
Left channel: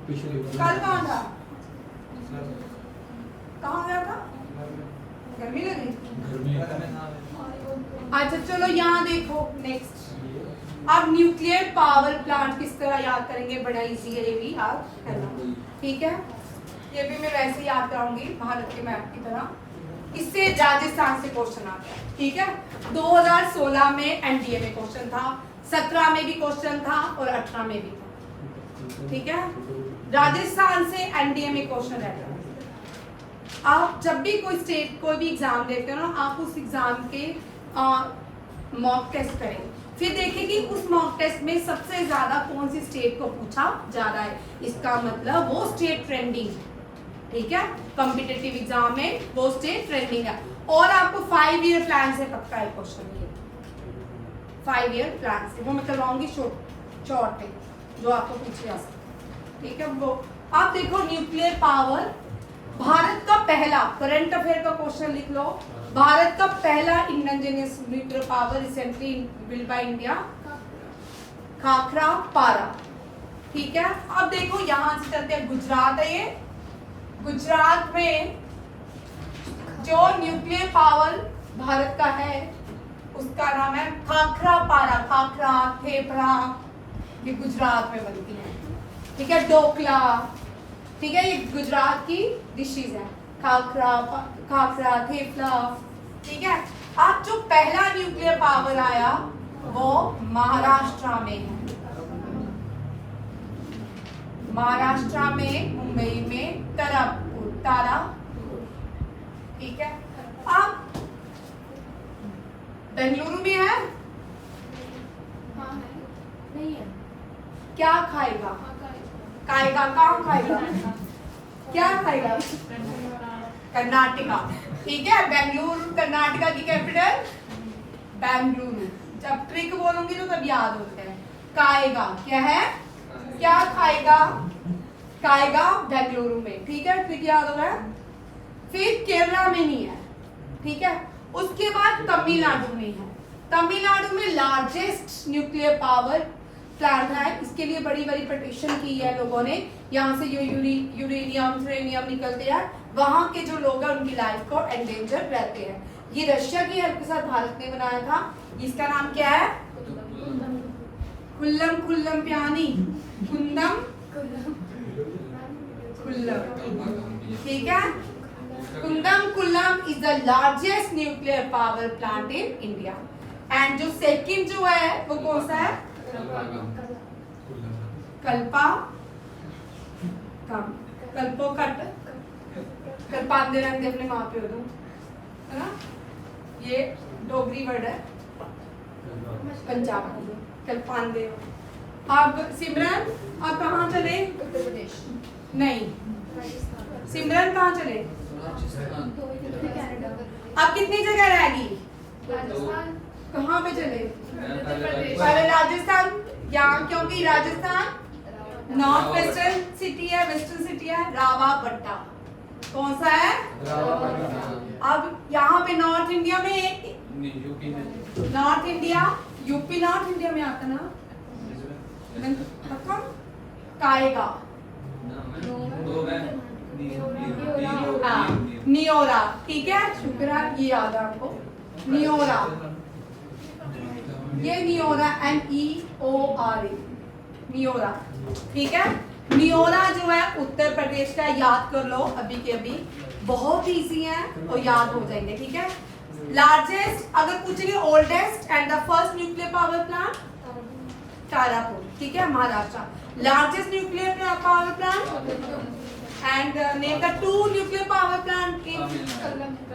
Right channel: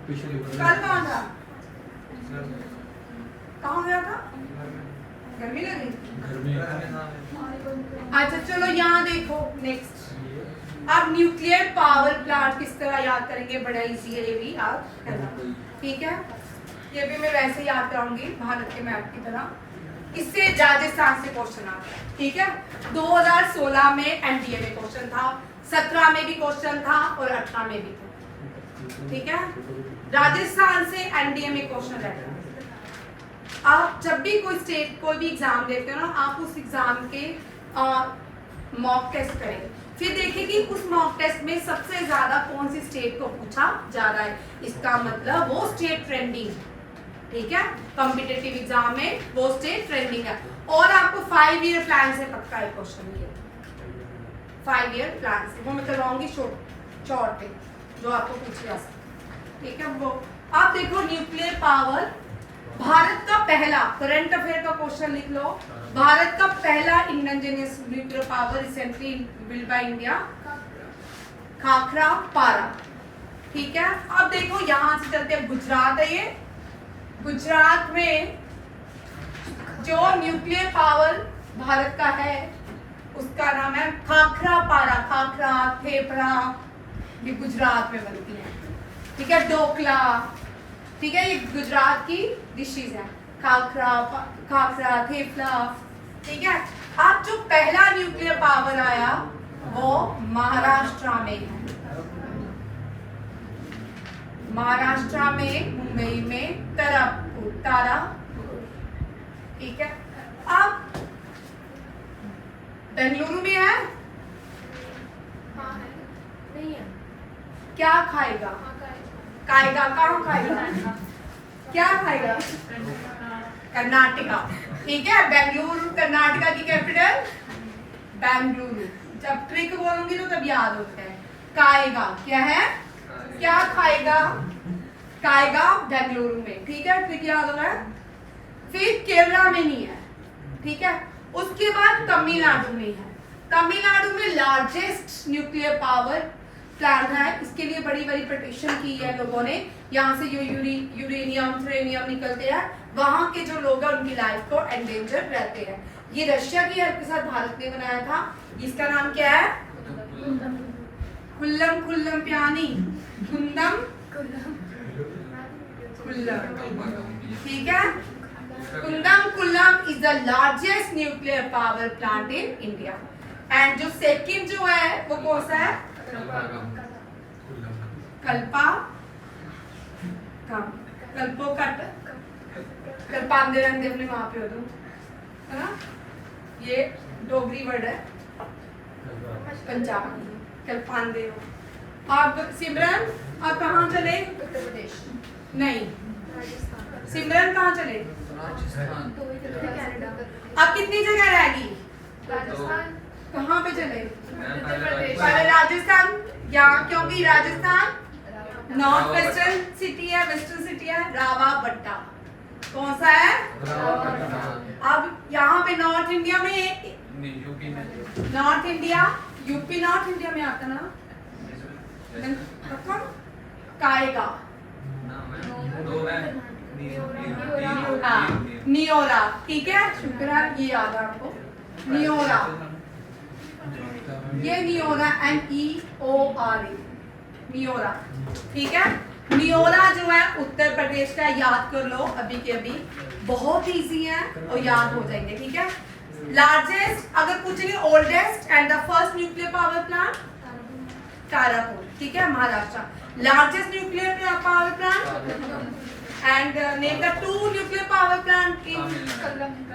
कल कहाँ था? कहाँ गया था? गर्मी लगी? घर में। अच्छा चलो यहाँ देखो नेक्स्ट। अब न्यूक्लियर पावर प्लांट किस तरह याद करेंगे? बड़ा इजी है ये भी याद करना, ठीक है। ये भी मैं वैसे याद कराऊंगी भारत के मैप की तरह। इससे राजस्थान से क्वेश्चन आता है, ठीक है। 2016 में एनडीए में क्वेश्चन था, 17 में भी क्वेश्चन था और 18 में भी था, ठीक है। राजस्थान से एनडीए में क्वेश्चन रहता है। आप जब भी कोई स्टेट कोई भी एग्जाम देते हो ना, आप उस एग्जाम के मॉक टेस्ट करेंगे, फिर देखिए कि उस मॉक टेस्ट में सबसे ज्यादा कौन सी स्टेट को पूछा जा रहा है। इसका मतलब वो स्टेट ट्रेंडिंग, ठीक है। कॉम्पिटिटिव एग्जाम में वो स्टेट ट्रेंडिंग है। और आपको 5 ईयर प्लान से पक्का है क्वेश्चन ये, 5 ईयर प्लान से। वो मैं करवाऊंगी शॉर्ट पे जो आपको पूछे जा सकता, ठीक है। वो आप देखो न्यूक्लियर पावर, भारत का पहला करंट अफेयर का क्वेश्चन लिख लो। भारत का पहला indigenous nuclear power recently build by India, khakhra पारा, ठीक है। अब देखो यहाँ से चलते हैं, गुजरात है ये। गुजरात में जो न्यूक्लियर पावर भारत का है उसका नाम है खाखरा पारा। खाखरा, थेपला ये गुजरात में बनती है, ठीक है। ढोकला, ठीक है, ये गुजरात की डिशेज है। खाखरा, थेपला, ठीक है। अब जो पहला न्यूक्लियर पावर आया वो महाराष्ट्र में है। महाराष्ट्र में मुंबई में तारापुर, ठीक है। अब बेंगलुरु में है, नहीं है। क्या खाएगा? खाएगा, कहाँ खाएगा? क्या खाएगा? कर्नाटका, ठीक है। बेंगलुरु कर्नाटका की कैपिटल बेंगलुरु। जब ट्रिक बोलूंगी तो तब याद होता है। खाएगा क्या है? क्या खाएगा? खाएगा बेंगलुरु में, ठीक है। ट्रिक याद हो रहा है। फिर केरला में नहीं है, ठीक है। उसके बाद तमिलनाडु में है। तमिलनाडु में लार्जेस्ट न्यूक्लियर पावर प्लांट है। इसके लिए बड़ी बड़ी पिटीशन की है लोगों ने। यहाँ से यूरेनियम थ्रेनियम निकलते हैं, वहां के जो लोग हैं उनकी लाइफ को एंडेंजर रहते हैं। ये रशिया की हेल्प के साथ भारत ने बनाया था। इसका नाम क्या है? कुल्लम कुल्लम प्यानी, कुंदम कुल्लम, ठीक है। Kudankulam is the largest nuclear power plant in India. And जो सेकंड जो है वो कौन सा है? कल्पा कम, कल्पो कट, कल्पांदे रंगे अपने माँ पे हो तुम, है ना। ये डोगरी वर्ड है, पंजाब कल्पांदे। अब सिमरन, अब कहाँ चले? उत्तर प्रदेश नहीं, सिमरन कहाँ चले? कनाडा, अब कितनी जगह रहेगी? राजस्थान, कहाँ पे चले? उत्तर प्रदेश, पहले राजस्थान, यहाँ क्योंकि राजस्थान नॉर्थ वेस्टर्न सिटी है, वेस्टर्न सिटी है। रावाबट्टा कौन सा है? अब यहाँ पे नॉर्थ इंडिया में यूपी में, north India, UP north India में आता ना। काएगा, हाँ, नियोरा, ठीक है, शुक्र है ये याद है आपको। नियोरा, ये नियोरा NEORA, नियोरा, ठीक है। नियोरा जो है उत्तर प्रदेश का, याद कर लो अभी के अभी, बहुत इजी है और याद हो जाएंगे, ठीक है। लार्जेस्ट, अगर पूछेंगे oldest and the first nuclear power plant, Tarapur, ठीक है, Maharashtra. Largest nuclear power plant and name the two nuclear power plant in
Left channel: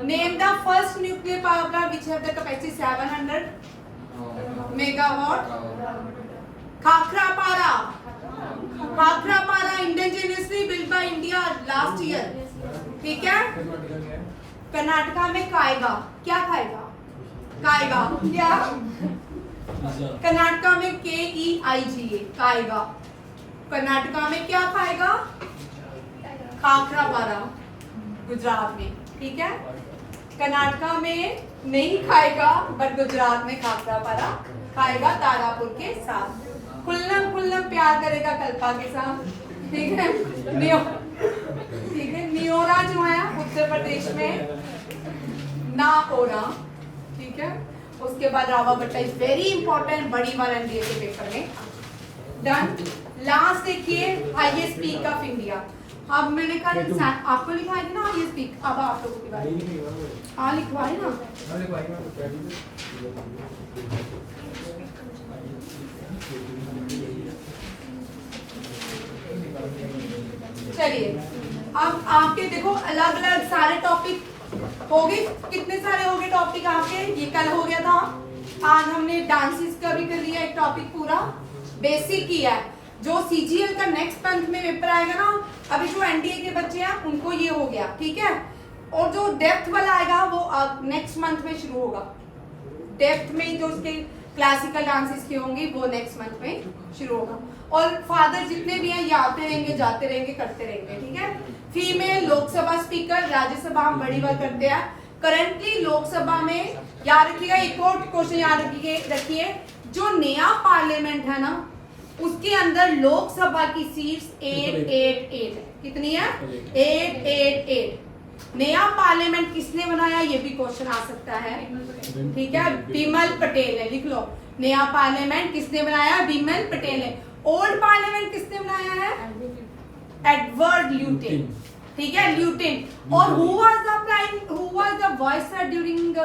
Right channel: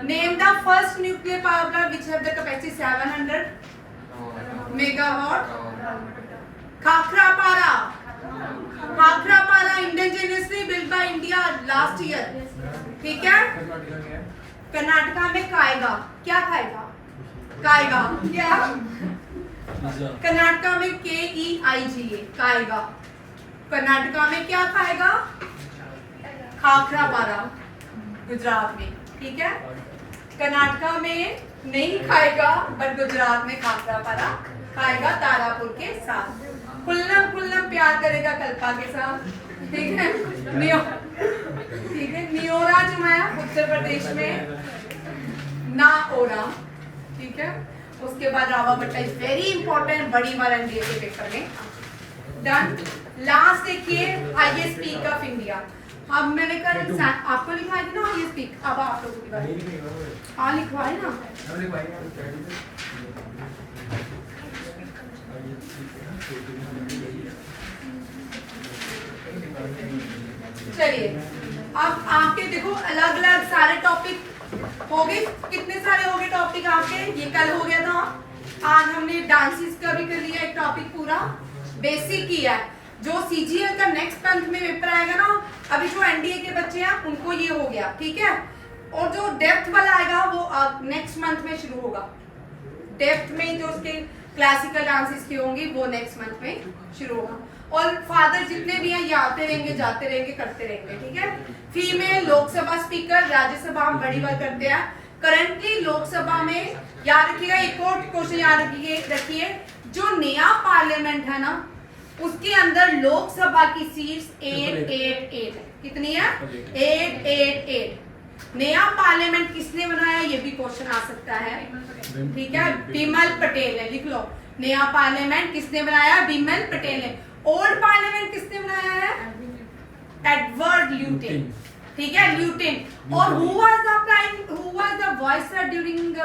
name the first nuclear power plant which have the capacity 700 megawatt. Khakrapara, Khakrapara indigenously built by India last year, ठीक है। कर्नाटका में खाएगा, क्या खाएगा, खाएगा क्या, कर्नाटका में KEIGA, खाएगा। कर्नाटका में क्या खाएगा, खाखरापारा, गुजरात में, ठीक है। कर्नाटका में नहीं खाएगा बट गुजरात में खाखरापारा खाएगा तारापुर के साथ। खुल्लम खुल्लम प्यार करेगा कल्पा के साथ, ठीक है। ठीक है, नियोरा जो है उत्तर प्रदेश में, नाओरा, ठीक है। उसके बाद रावाबट्टा इज वेरी इंपॉर्टेंट, बड़ी बार एनडीए के पेपर में। डन। लास्ट देखिए हाईएस्ट पीक ऑफ इंडिया। अब मैंने कहा आपको लिखवाई थी ना हाईएस्ट पीक, अब आप लोगों की बारी। हाँ लिखवाई ना। चलिए अब आपके देखो अलग अलग सारे टॉपिक हो गए। कितने सारे हो गए टॉपिक आपके, ये कल हो गया था। आज हमने डांसेस का भी कर लिया एक टॉपिक, पूरा बेसिक किया है। जो सीजीएल का नेक्स्ट मंथ में पेपर आएगा ना, अभी जो एनडीए के बच्चे हैं उनको ये हो गया, ठीक है। और जो डेप्थ वाला आएगा वो नेक्स्ट मंथ में शुरू होगा। डेप्थ में जो उसके क्लासिकल डांसेस के होंगे वो नेक्स्ट मंथ में शुरू होगा। और फादर जितने भी हैं ये आते रहेंगे, जाते रहेंगे, करते रहेंगे, ठीक है। फीमेल लोकसभा स्पीकर, राज्यसभा हम बड़ी बार करते हैं। करंटली लोकसभा में याद रखिएगा, एक और क्वेश्चन याद रखिए, जो नया पार्लियामेंट है ना उसके अंदर लोकसभा की सीट्स 888 है। कितनी है, 888। नया पार्लियामेंट किसने बनाया, ये भी क्वेश्चन आ सकता है, ठीक है। बिमल पटेल ने, लिख लो। नया पार्लियामेंट किसने बनाया, बिमल पटेल ने। ओल्ड पार्लियामेंट किसने बनाया है, एडवर्ड ल्यूटिन, ठीक है, ल्यूटिन। और who was the viceroy during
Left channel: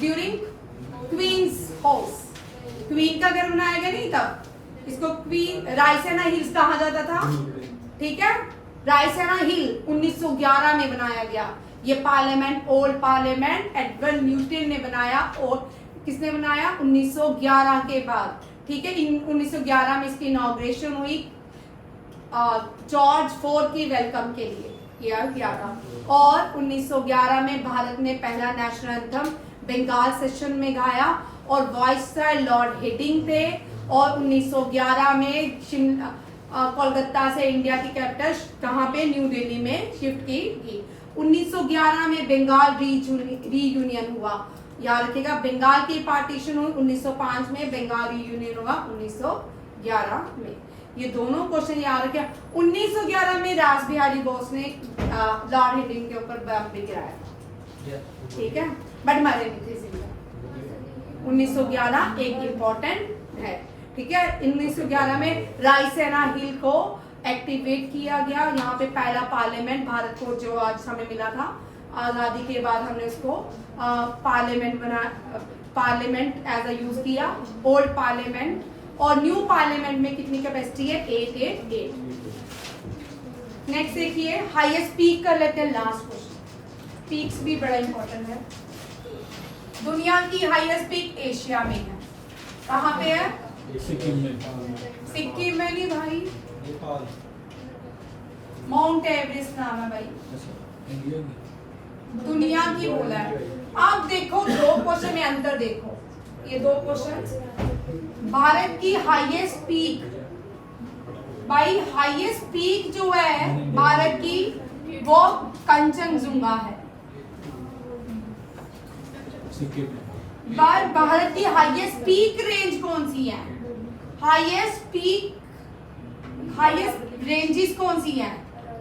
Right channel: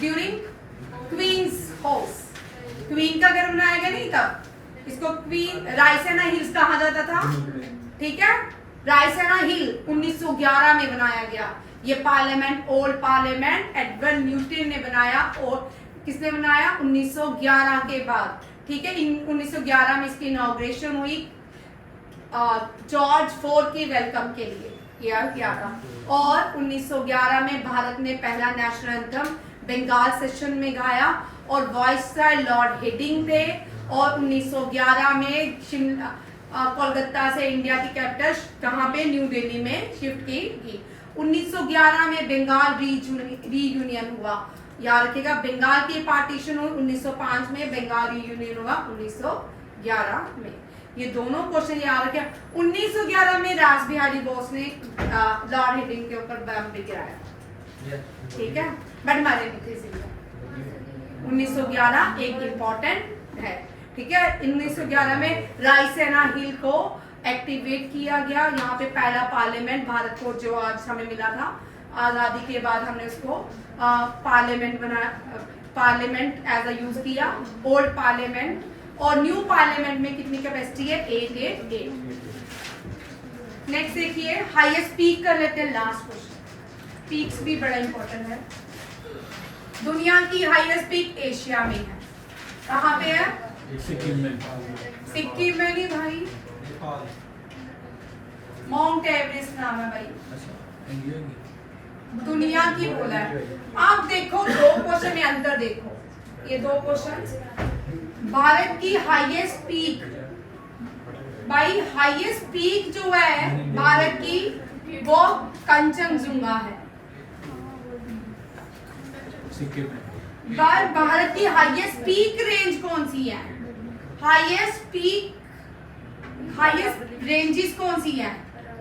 during queen's house. Queen का घर बनाया गया नहीं तब, इसको क्वीन रायसेना हिल्स कहा जाता था, ठीक है। रायसेना हिल 1911 में बनाया गया ये parliament. Old parliament Edward Newton ने बनाया, और किसने बनाया, 1911 के बाद, ठीक है। 1911 में इसकी इनॉग्रेशन हुई जॉर्ज IV की वेलकम के लिए किया था। और 1911 में भारत ने पहला नेशनल एंथम बंगाल सेशन में गाया और वॉइसरॉय लॉर्ड हेडिंग थे। और 1911 में कोलकाता से इंडिया की कैपिटल कहाँ पे, न्यू दिल्ली में शिफ्ट की गई। 1911 में बंगाल रीयूनियन हुआ, याद रखिएगा। बंगाल की पार्टीशन हुई 1905 में, बंगाल रीयूनियन हुआ 1911 में। ये दोनों क्वेश्चन याद रखिए। 1911 में रास बिहारी बोस ने लॉर्ड हेडिंग के ऊपर बम भी गिराया, ठीक है, बट मारे नहीं थे जिंदा। 1911 एक इम्पोर्टेंट है, ठीक है। 1911 में रायसेना हिल को एक्टिवेट किया गया। यहाँ पे पहला पार्लियामेंट भारत को जो आज हमें मिला था आजादी के बाद, हमने उसको पार्लियामेंट बनाया, पार्लियामेंट एज अ यूज किया। ओल्ड पार्लियामेंट और न्यू पार्लियामेंट में कितनी कैपेसिटी है, 888। नेक्स्ट देखिए हाईएस्ट पीक कर लेते हैं, लास्ट क्वेश्चन। पीक्स भी बड़ा इंपॉर्टेंट है। दुनिया की हाईएस्ट पीक एशिया में है, कहाँ पे है, सिक्किम में। सिक्किम में नहीं भाई, माउंट एवरेस्ट नाम है भाई, दुनिया की बोला है। आप देखो दो क्वेश्चन में अंतर देखो, ये दो क्वेश्चन। भारत की हाईएस्ट पीक, भाई हाईएस्ट पीक जो है भारत की वो कंचनजुंगा है। सिक्किम में। भारत की हाईएस्ट पीक रेंज कौन सी है, हाईएस्ट पीक, हाईएस्ट रेंजेस कौन सी हैं,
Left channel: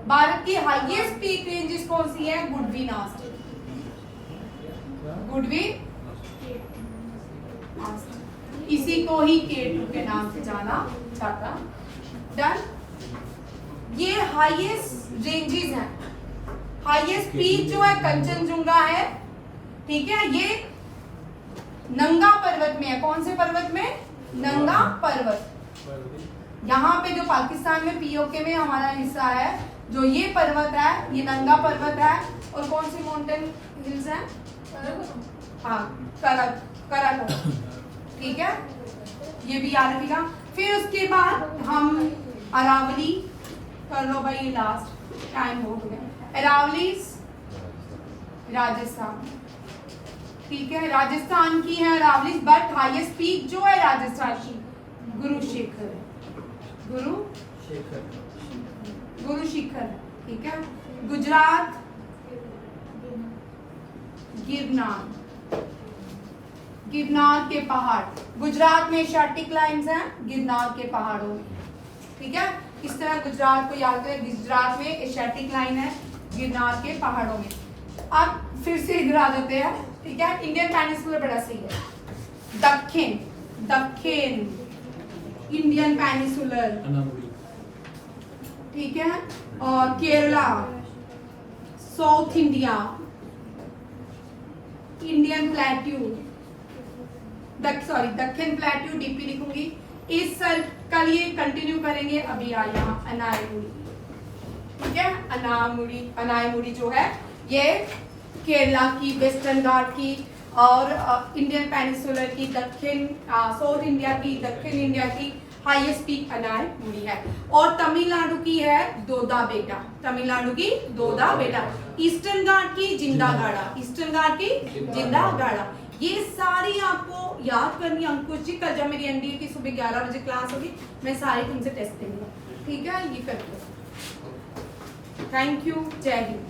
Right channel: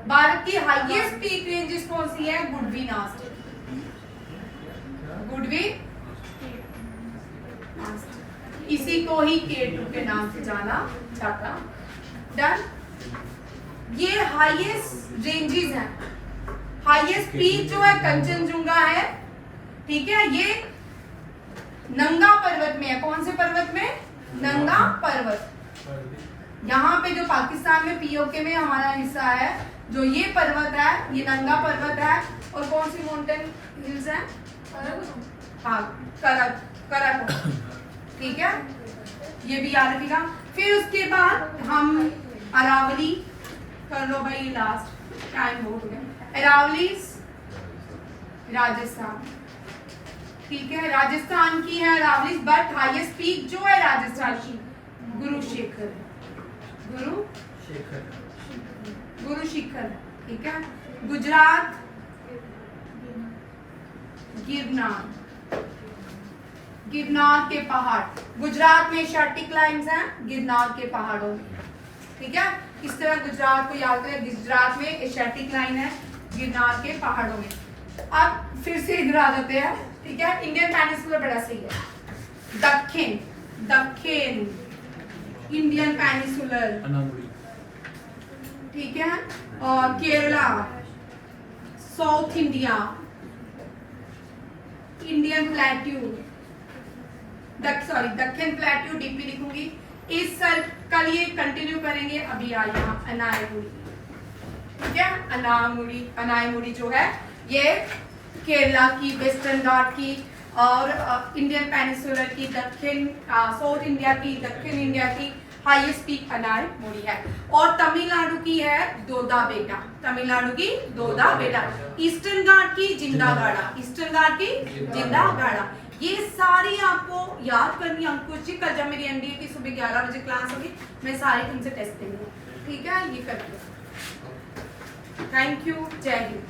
भारत की हाईएस्ट पीक रेंजेस कौन सी है? गुडवी नास्ट, गुडवी नास्ट, इसी को ही K2 के नाम से जाना जाता। डन। ये हाईएस्ट रेंजेस हैं। हाईएस्ट पीक जो है कंचनजुंगा है, ठीक है, ये नंगा पर्वत में है। कौन से पर्वत में? नंगा पर्वत। यहाँ पे जो पाकिस्तान में पीओके में हमारा हिस्सा है, जो ये पर्वत है, ये नंगा पर्वत है। और कौन सी माउंटेन हिल्स हैं? हाँ, कराकोरम, ठीक है, ये भी याद रखिएगा। फिर उसके बाद हम अरावली कर लो भाई, लास्ट टाइम हो गया। अरावली राजस्थान, ठीक है, राजस्थान की है अरावली, बट हाईएस्ट पीक जो है राजस्थान की गुरुशेखर है, गुरुशिखर, ठीक है। गुजरात गिरनार, गिरनार के पहाड़, गुजरात में एशियाटिक लाइन्स हैं गिरनार के पहाड़ों में, ठीक है। इस तरह गुजरात को याद करें, गुजरात में एशियाटिक लाइन है गिरनार के पहाड़ों में। अब फिर से इधर आ जाते हैं, ठीक है। इंडियन पेनिनसुला बड़ा सही है। दक्षिण, दक्षिण इंडियन पेनिनसुलर, अनामुड़ी, ठीक है। और Kerala, south India, Indian plateau, दक्षिण प्लेट्यू, डीपी लिखूंगी। इस साल कल ये कंटिन्यू करेंगे। अभी आ यहाँ अनायमुड़ी, ठीक है, अनामुड़ी, अनायमुड़ी जो है ये केरला की, वेस्टर्न घाट की और इंडियन पेनिनसुलर की, दक्षिण साउथ इंडिया की, दक्षिण इंडिया की हाईएस्ट पीक अनायमुड़ी है। और तमिलनाडु की है दोदा बेटा, तमिलनाडु की दोदा बेटा। ईस्टर्न घाट की जिंदागाड़ा, ईस्टर्न घाट की जिंदागाड़ा। ये सारी आपको याद करनी। अंकुश जी कल जब मेरी एनडीए की सुबह 11 बजे क्लास होगी, मैं सारी तुमसे टेस्ट करूंगी, ठीक है। ये करके थैंक यू, जय हिंद।